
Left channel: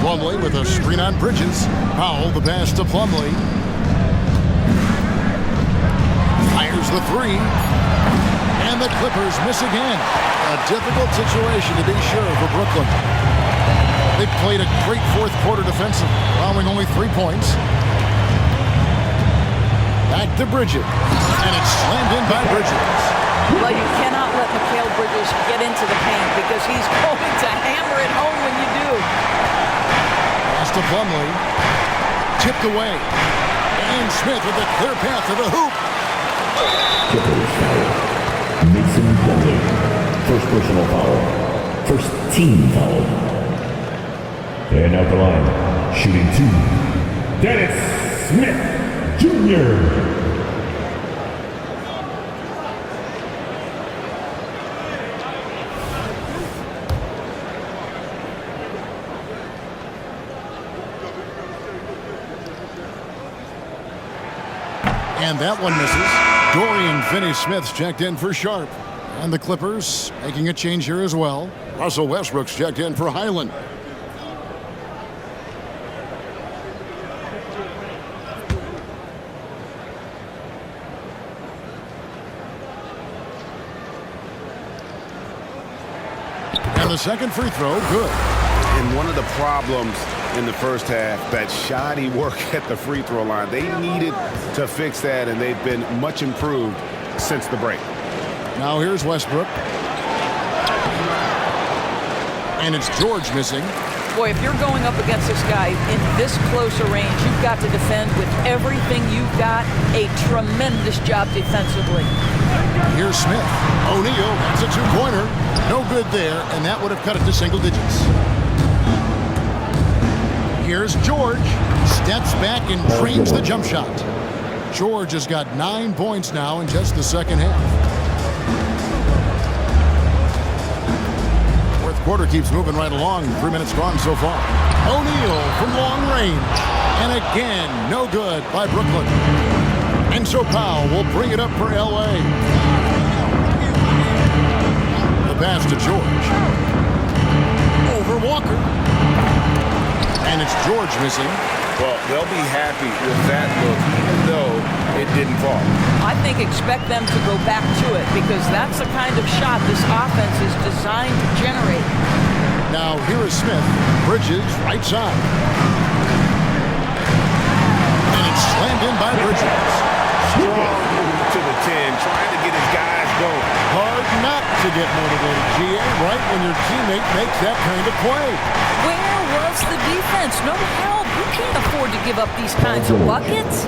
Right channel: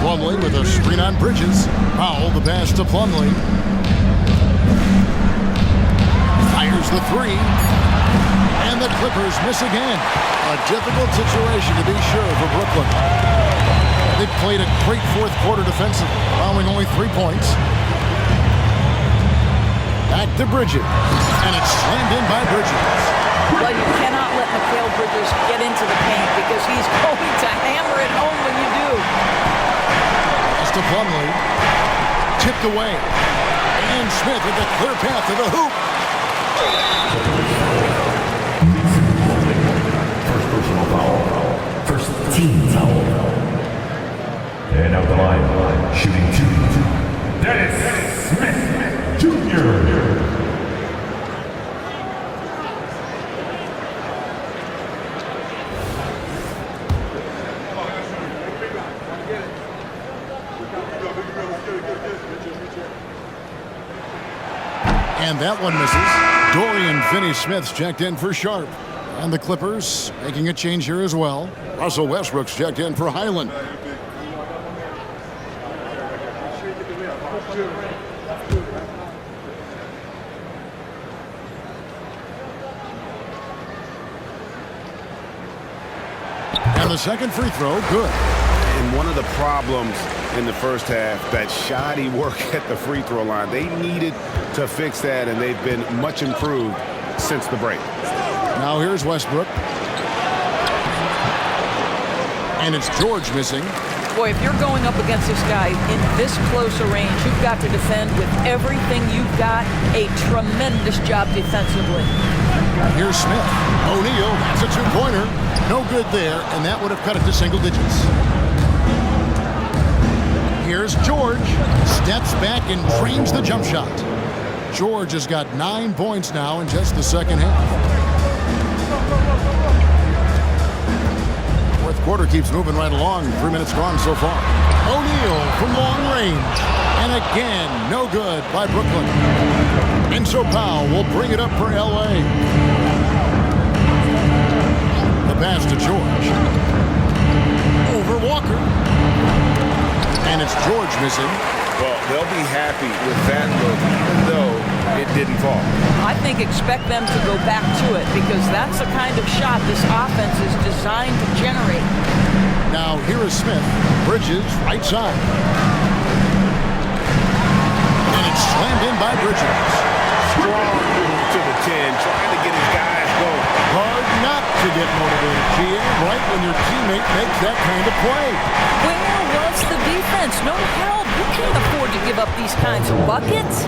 Plumlee with a screen on Bridges. Powell, the pass to Plumlee. Fires the 3. And the Clippers miss again. A difficult situation to be sure for Brooklyn. They played a great fourth quarter defensively, allowing only 3 points. Back to Bridges. And it's slammed in by Bridges. Well, you cannot let Mikal Bridges get into the paint because he's going to hammer it home when you do. Pass to Plumlee. Tipped away. And Smith with a clear path to the hoop. Mason Plumlee. First personal foul. First team foul. And out the line, shooting 2, Dennis Smith Jr. And that one misses. Dorian Finney-Smith's checked in for Sharp. And the Clippers making a change here as well. Russell Westbrook's checked in for Highland. And the second free throw, good. And one of the problems in the first half, that shoddy work at the free throw line. They needed to fix that, and they've been much improved since the break. Now here's Westbrook. And it's George missing. Boy, if you're going up against this guy in this close a range, you've got to defend with everything you've got. A tremendous job defensively. Here's Smith. O'Neal, that's a 2-pointer. No good there, and that would have cut it to single digits. Here's George. Steps back and drains the jump shot. George has got 9 points now in just the second half. Fourth quarter keeps moving right along. 3 minutes gone so far. O'Neal from long range. And again, no good by Brooklyn. And so Powell will bring it up for L.A. The pass to George. Over Walker. And it's George missing. Well, they'll be happy with that look, even though it didn't fall. I think expect them to go back to it because that's the kind of shot this offense is designed to generate. Now here is Smith. Bridges, right side. And it's slammed in by Bridges. Strong move to the 10, trying to get his guys going. Hard not to get motivated, GA, right when your teammate makes that kind of play. Where was the defense? No help. You can't afford to give up these kinds of buckets.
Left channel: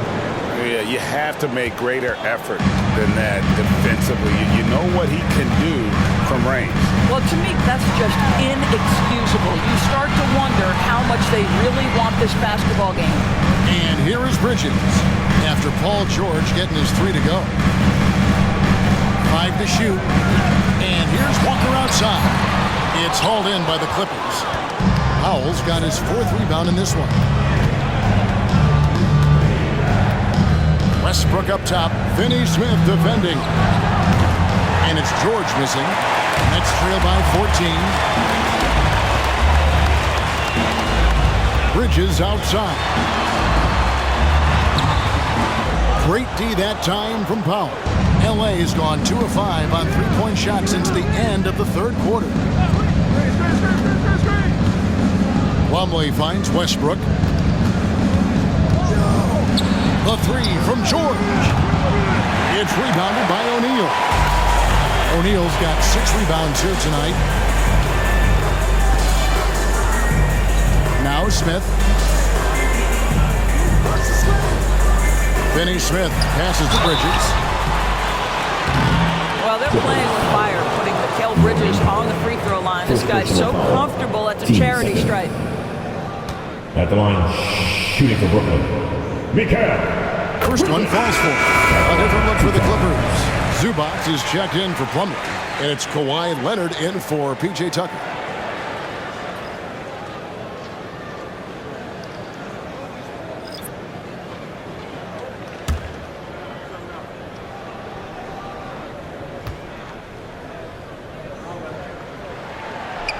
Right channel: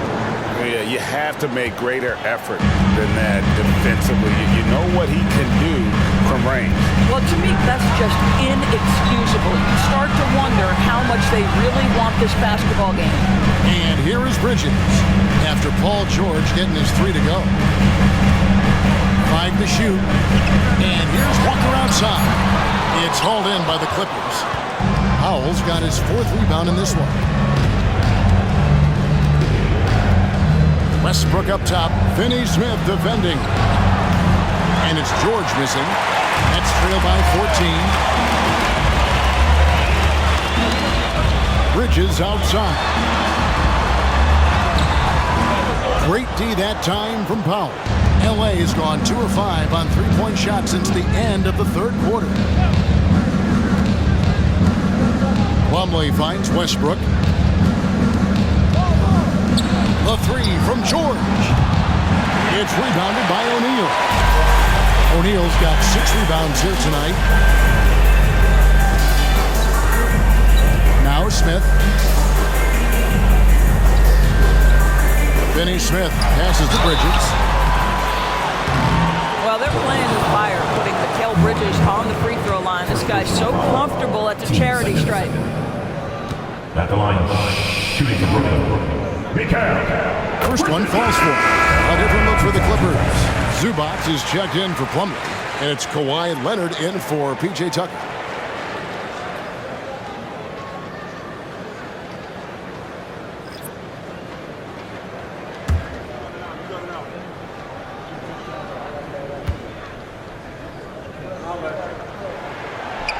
Yeah, you have to make greater effort than that defensively. You know what he can do from range. Well, to me, that's just inexcusable. You start to wonder how much they really want this basketball game. And here is Bridges after Paul George getting his 3 to go. 5 to shoot. And here's Walker outside. It's hauled in by the Clippers. Powell's got his 4th rebound in this one. Westbrook up top. Finney Smith defending. And it's George missing. Nets trail by 14. Bridges outside. Great D that time from Powell. LA has gone 2 of 5 on 3-point shots since the end of the 3rd quarter. Plumlee finds Westbrook. The 3 from George. It's rebounded by O'Neal. O'Neal's got 6 rebounds here tonight. Now Smith. Finney Smith passes to Bridges. Well, they're playing with fire, putting Mikal Bridges on the free throw line. This guy's so comfortable at the charity stripe. At the line, shooting for Brooklyn, Mikal. First one falls for him. A different look for the Clippers. Zubac is checked in for Plumlee, and it's Kawhi Leonard in for P.J. Tucker.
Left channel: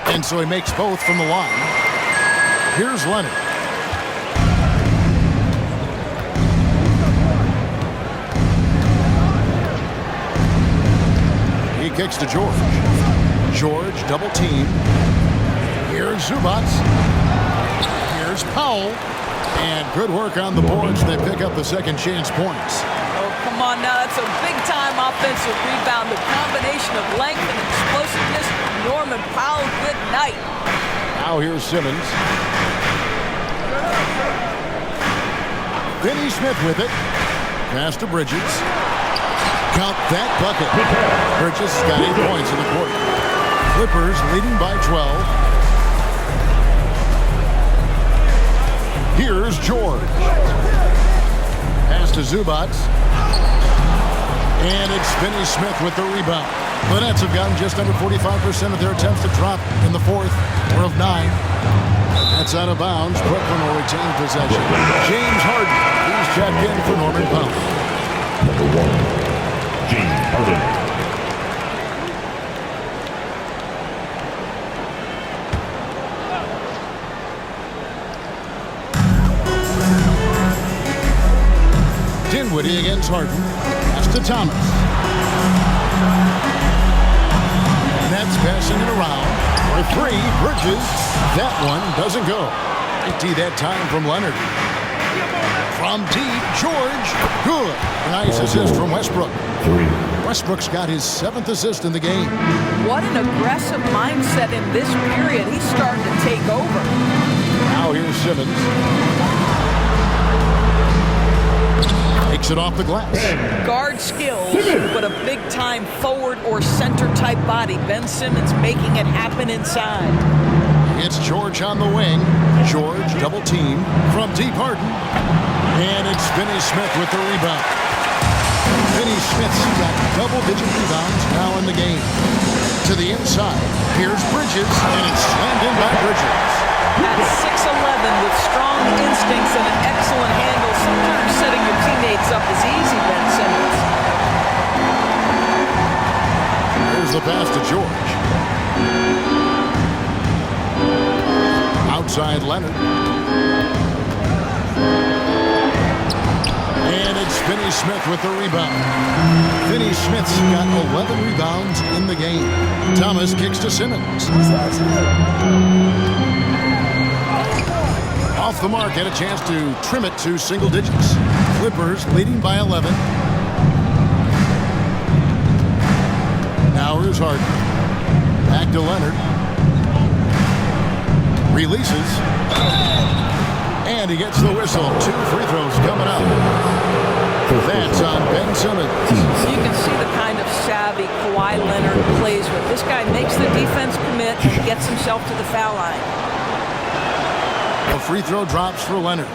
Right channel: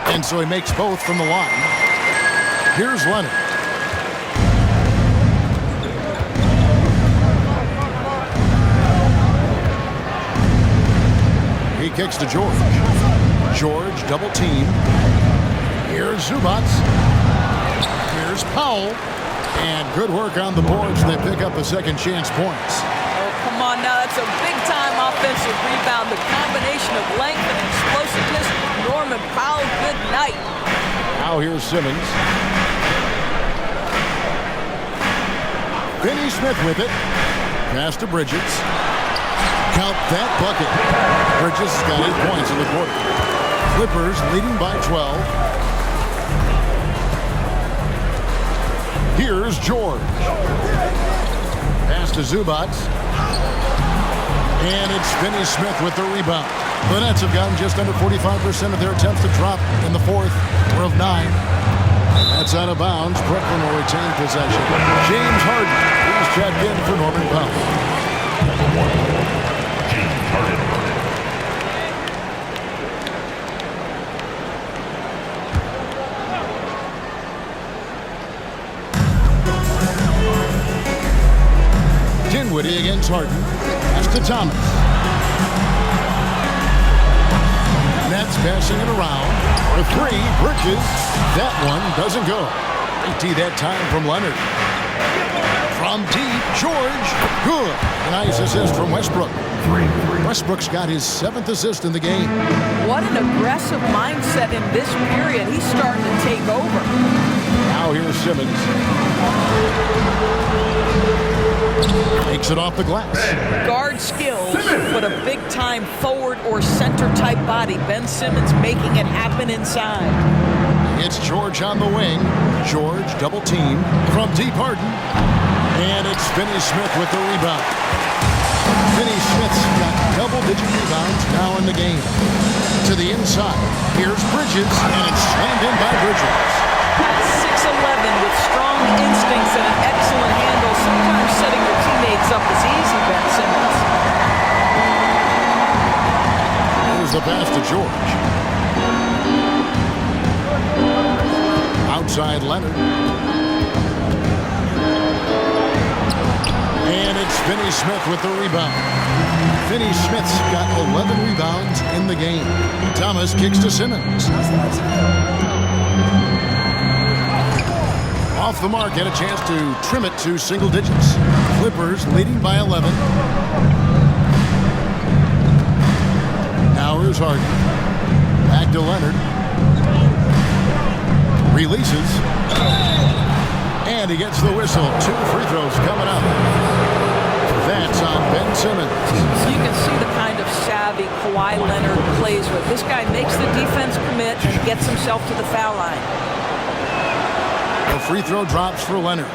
And so he makes both from the line. Here's Leonard. He kicks to George. George double team. Here's Zubac. Here's Powell. And good work on the boards. They pick up the second chance points. Oh, come on now. That's a big-time offensive rebound. The combination of length and explosiveness. Norman Powell, good night. Now here's Simmons. Finney Smith with it. Pass to Bridges. Count that bucket. Bridges has got 8 points in the quarter. Clippers leading by 12. Here's George. Pass to Zubac. And it's Finney Smith with the rebound. The Nets have gotten just under 45% of their attempts to drop in the 4th, or of 9. That's out of bounds. Brooklyn will retain possession. James Harden. He's checked in for Norman Powell. Number 1. James Harden. Dinwiddie against Harden. Pass to Thomas. Nets passing it around. For 3, Bridges. That one doesn't go. Great that time from Leonard. From deep, George. Good. A nice assist from Westbrook. 3. Westbrook's got his 7th assist in the game. What an aggressive mindset in this period. He's starting to take over. Now here's Simmons. Takes it off the glass. Guard skills, but a big-time forward or center-type body. Ben Simmons making it happen inside. It's George on the wing. George double team from deep Harden. And it's Finney Smith with the rebound. Finney Smith's got double-digit rebounds now in the game. To the inside, here's Bridges, and it's slammed in by Bridges. At 6'11", with strong instincts and an excellent handle, sometimes setting your teammates up is easy, Ben Simmons. Here's the pass to George. Outside Leonard. And it's Finney Smith with the rebound. Finney Smith's got 11 rebounds in the game. Thomas kicks to Simmons. Off the mark, had a chance to trim it to single digits. Clippers leading by 11. Now here's Harden. Back to Leonard. Releases. And he gets the whistle. 2 free throws coming up. That's on Ben Simmons. You can see the kind of savvy Kawhi Leonard plays with. This guy makes the defense commit and gets himself to the foul line. The free throw drops for Leonard.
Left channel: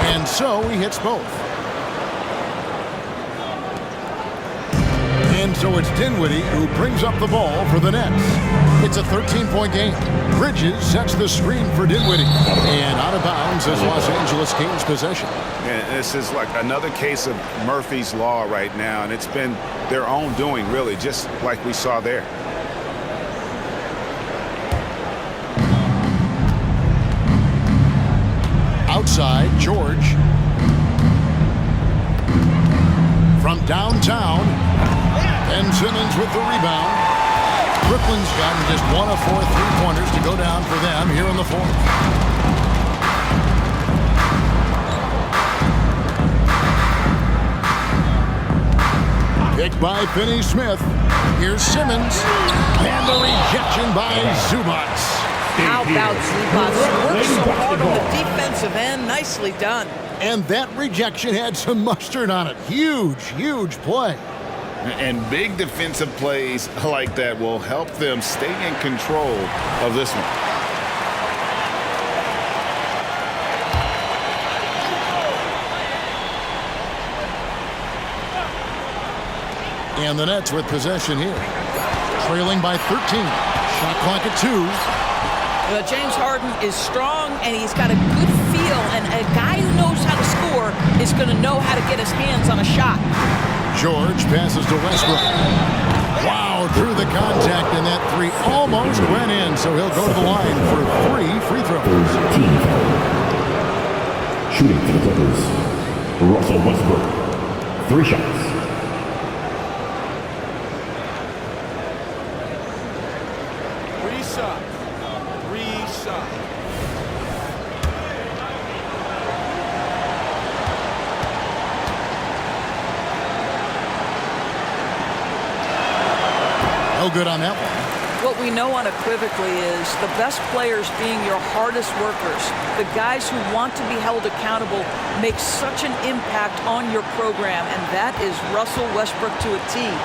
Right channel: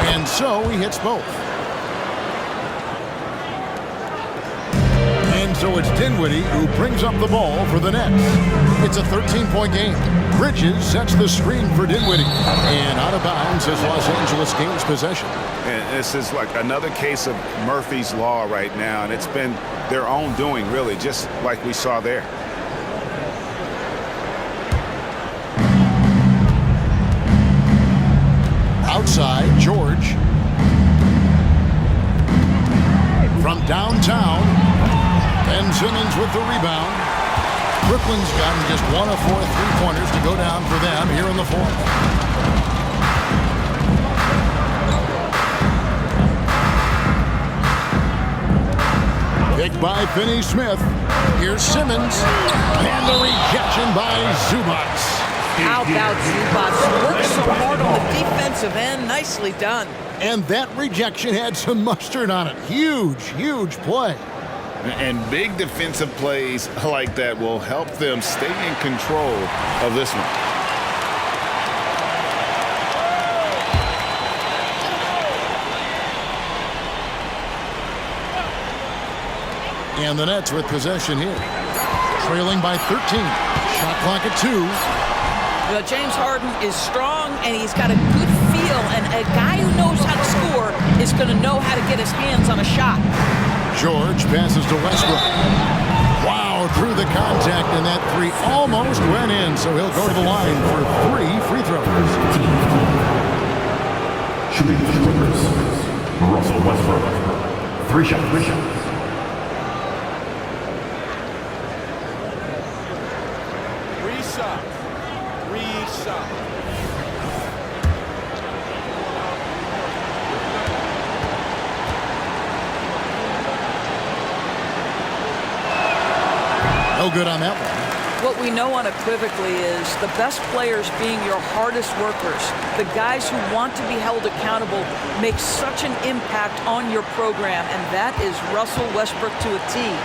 And so he hits both. And so it's Dinwiddie who brings up the ball for the Nets. It's a 13-point game. Bridges sets the screen for Dinwiddie. And out of bounds as Los Angeles gains possession. And this is like another case of Murphy's Law right now, and it's been their own doing, really, just like we saw there. Outside, George. From downtown, Ben Simmons with the rebound. Brooklyn's gotten just 1 of 4 3-pointers to go down for them here in the fourth. Picked by Finney Smith. Here's Simmons. And the rejection by Zubac. How about Zubac? Worked so hard on the defensive end. Nicely done. And that rejection had some mustard on it. Huge, huge play. And big defensive plays like that will help them stay in control of this one. And the Nets with possession here. Trailing by 13. Shot clock at 2. Well, James Harden is strong, and he's got a good feel, and a guy who knows how to score is going to know how to get his hands on a shot. George passes to Westbrook. Wow, drew the contact, and that 3 almost went in, so he'll go to the line for 3 free throws. Shooting for the Clippers, Russell Westbrook. 3 shots. Shot. No good on that one. What we know unequivocally is the best players being your hardest workers, the guys who want to be held accountable, make such an impact on your program, and that is Russell Westbrook to a T.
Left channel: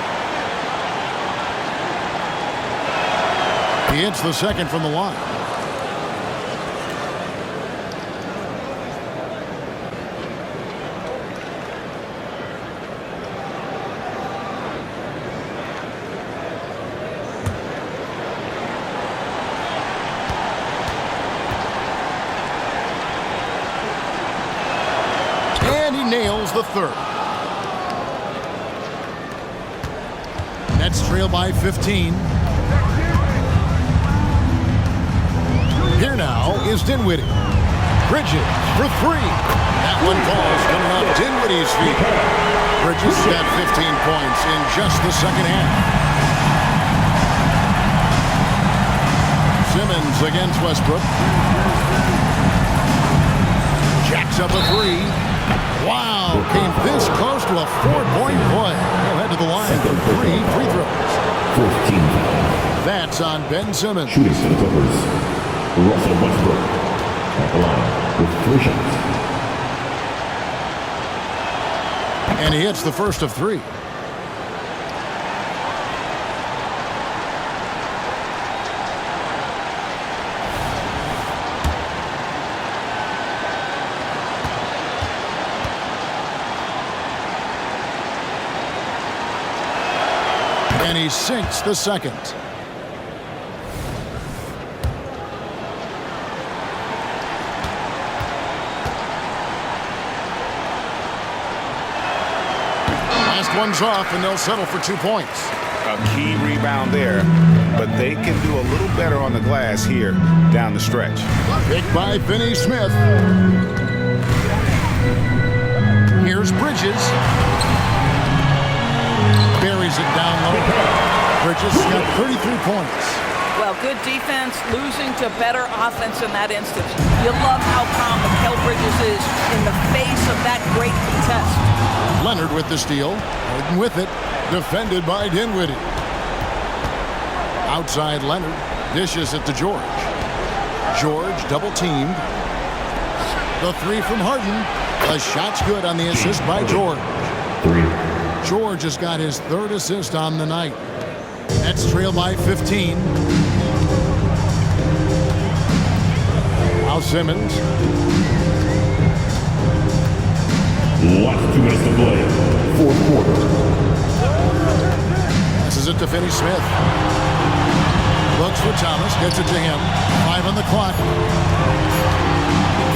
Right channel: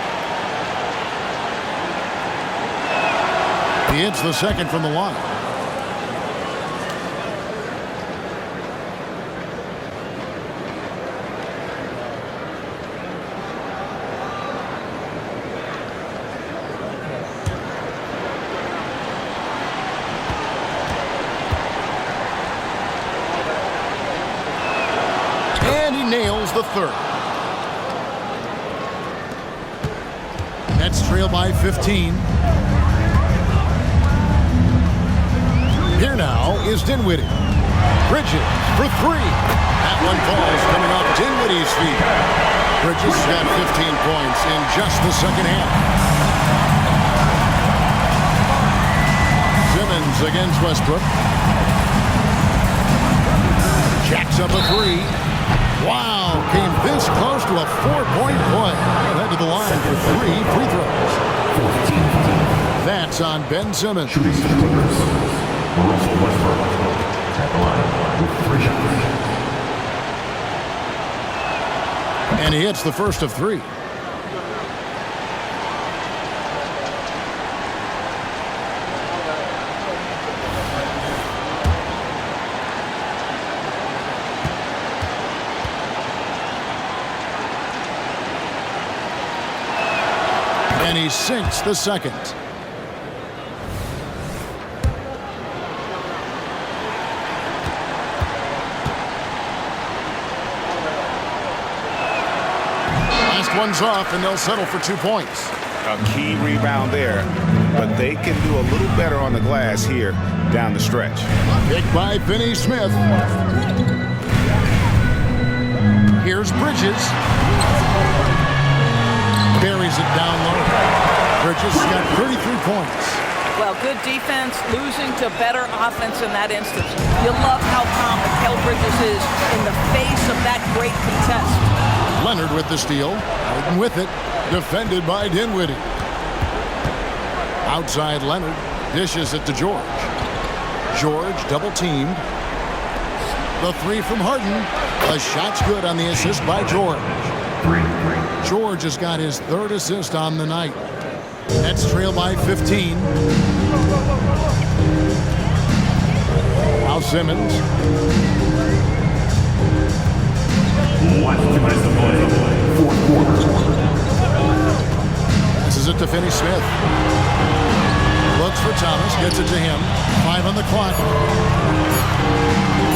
He hits the second from the line. And he nails the third. Nets trail by 15. Here now is Dinwiddie. Bridges for 3. That one falls coming off Dinwiddie's feet. Bridges got 15 points in just the second half. Simmons against Westbrook. Jacks up a 3. Wow, came this close to a 4-point play. He'll head to the line for 3 free throws. 14. That's on Ben Simmons. Shooting for the Clippers, Russell Westbrook. At the line with 3 shots. And he hits the first of 3. And he sinks the second. one's off, and they'll settle for 2 points. A key rebound there, but they can do a little better on the glass here down the stretch. Picked by Finney Smith. Here's Bridges. Buries it down low. Bridges has got 33 points. Well, good defense, losing to better offense in that instance. You love how calm Mikal Bridges is in the face of that great contest. Leonard with the steal. Harden with it. Defended by Dinwiddie. Outside Leonard. Dishes it to George. George double teamed. The three from Harden. The shot's good on the assist by George. George has got his third assist on the night. Nets trail by 15. Now Simmons. 2 minutes to play. Fourth quarter. Passes it to Finney Smith. Looks for Thomas. Gets it to him. 5 on the clock.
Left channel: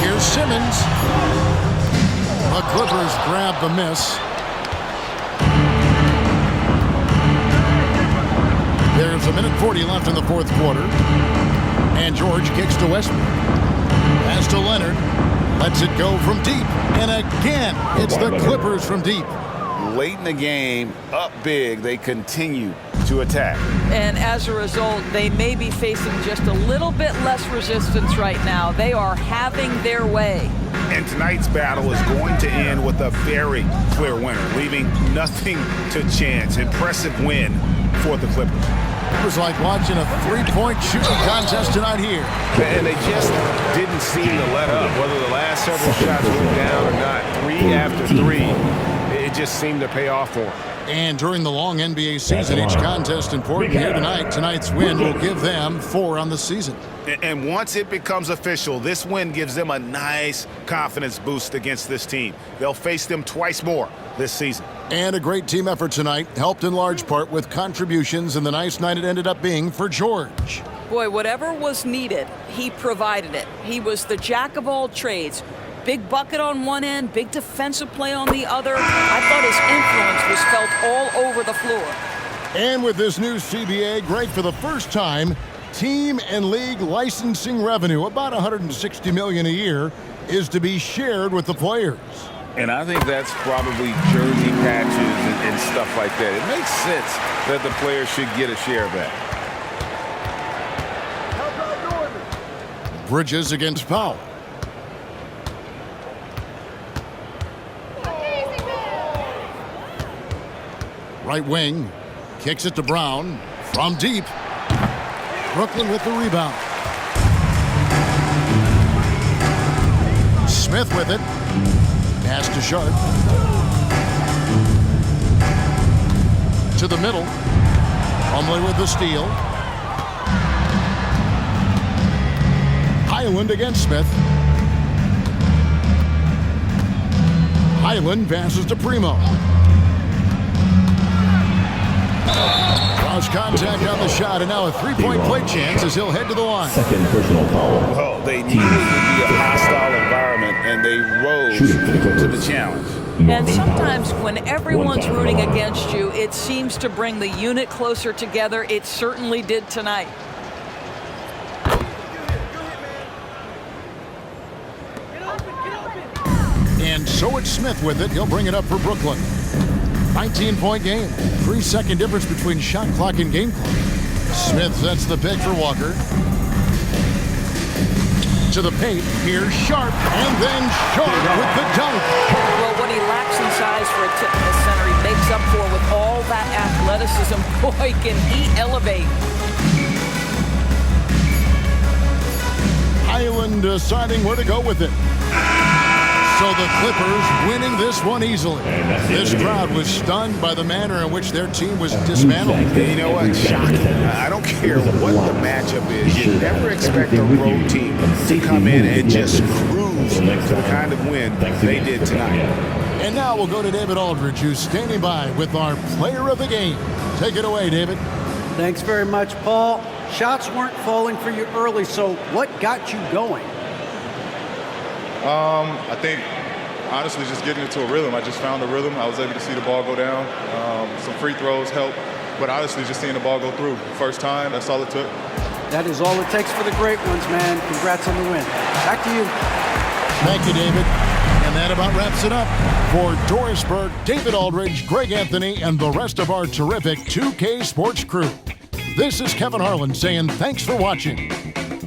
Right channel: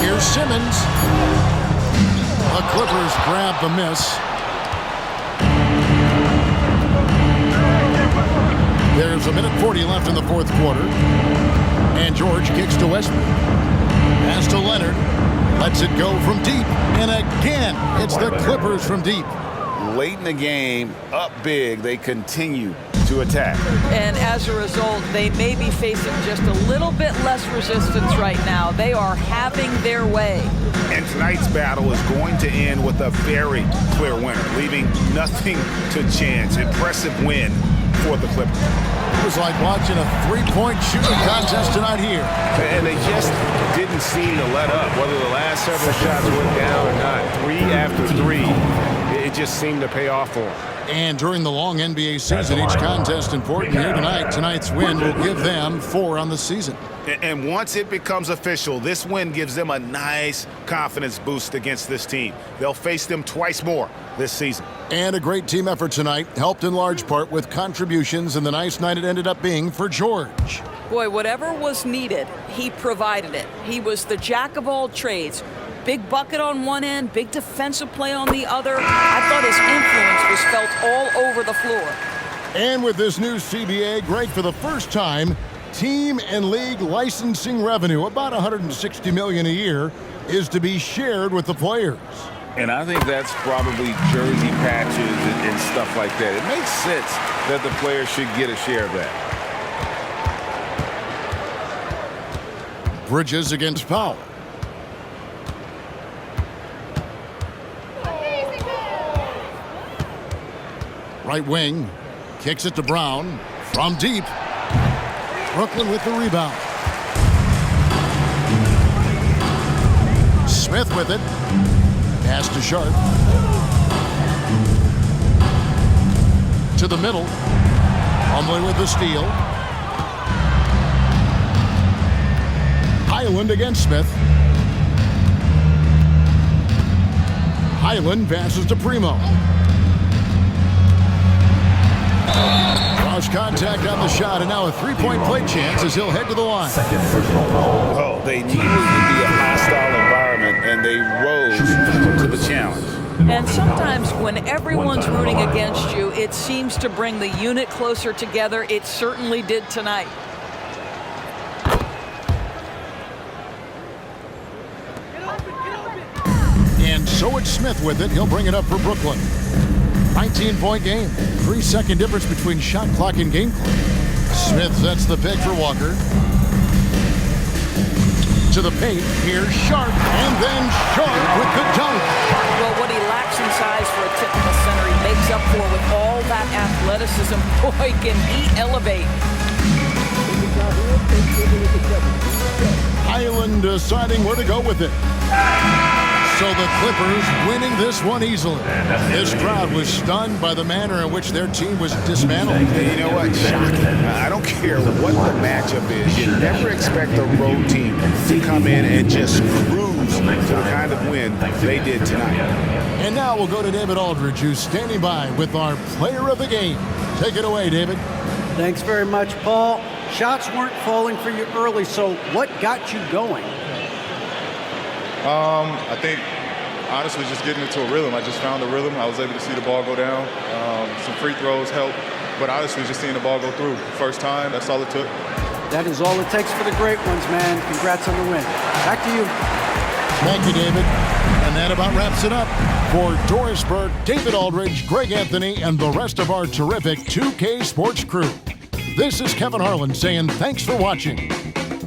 Here's Simmons. The Clippers grab the miss. There's a minute 40 left in the fourth quarter. And George kicks to Westbrook. Pass to Leonard. Lets it go from deep. And again, it's the Clippers from deep. Late in the game, up big, they continue to attack. And as a result, they may be facing just a little bit less resistance right now. They are having their way. And tonight's battle is going to end with a very clear winner, leaving nothing to chance. Impressive win for the Clippers. It was like watching a three-point shooting contest tonight here. And they just didn't seem to let up, whether the last several shots went down or not. 3 after 3, it just seemed to pay off for them. And during the long NBA season, each contest important here tonight. Tonight's win will give them 4 on the season. And once it becomes official, this win gives them a nice confidence boost against this team. They'll face them twice more this season. And a great team effort tonight, helped in large part with contributions, and the nice night it ended up being for George. Boy, whatever was needed, he provided it. He was the jack of all trades. Big bucket on one end, big defensive play on the other. I thought his influence was felt all over the floor. And with this new CBA, Greg, for the first time, team and league licensing revenue, about $160 million a year, is to be shared with the players. And I think that's probably jersey patches and stuff like that. It makes sense that the players should get a share of that. Bridges against Powell. Right wing, kicks it to Brown from deep. Brooklyn with the rebound. Smith with it. Pass to Sharp. To the middle. Plumlee with the steal. Highland against Smith. Highland passes to Primo. Draws contact on the shot, and now a three-point play chance as he'll head to the line. Second personal foul. Well, they knew it would be a hostile environment, and they rose to the challenge. And sometimes when everyone's rooting against you, it seems to bring the unit closer together. It certainly did tonight. And so it's Smith with it. He'll bring it up for Brooklyn. 19-point game. 3-second difference between shot clock and game clock. Smith sets the pick for Walker. To the paint. Here's Sharp. And then Sharp with the dunk. Well, what he lacks in size for a typical center, he makes up for with all that athleticism. Boy, can he elevate. Highland deciding where to go with it. So the Clippers winning this one easily. This crowd was stunned by the manner in which their team was dismantled. You know what? Shocking. I don't care what the matchup is. You never expect a road team to come in and just cruise to the kind of win they did tonight. And now we'll go to David Aldridge, who's standing by with our player of the game. Take it away, David. Thanks very much, Paul. Shots weren't falling for you early, so what got you going? I think honestly just getting into a rhythm. I just found a rhythm. I was able to see the ball go down. Some free throws helped. But honestly, just seeing the ball go through. First time, that's all it took. That is all it takes for the great ones, man. Congrats on the win. Back to you. Thank you, David. And that about wraps it up. For Doris Burke, David Aldridge, Greg Anthony, and the rest of our terrific 2K Sports crew, this is Kevin Harlan saying thanks for watching.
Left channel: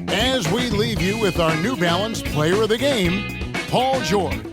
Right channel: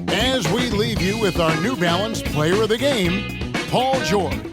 As we leave you with our New Balance Player of the Game, Paul George.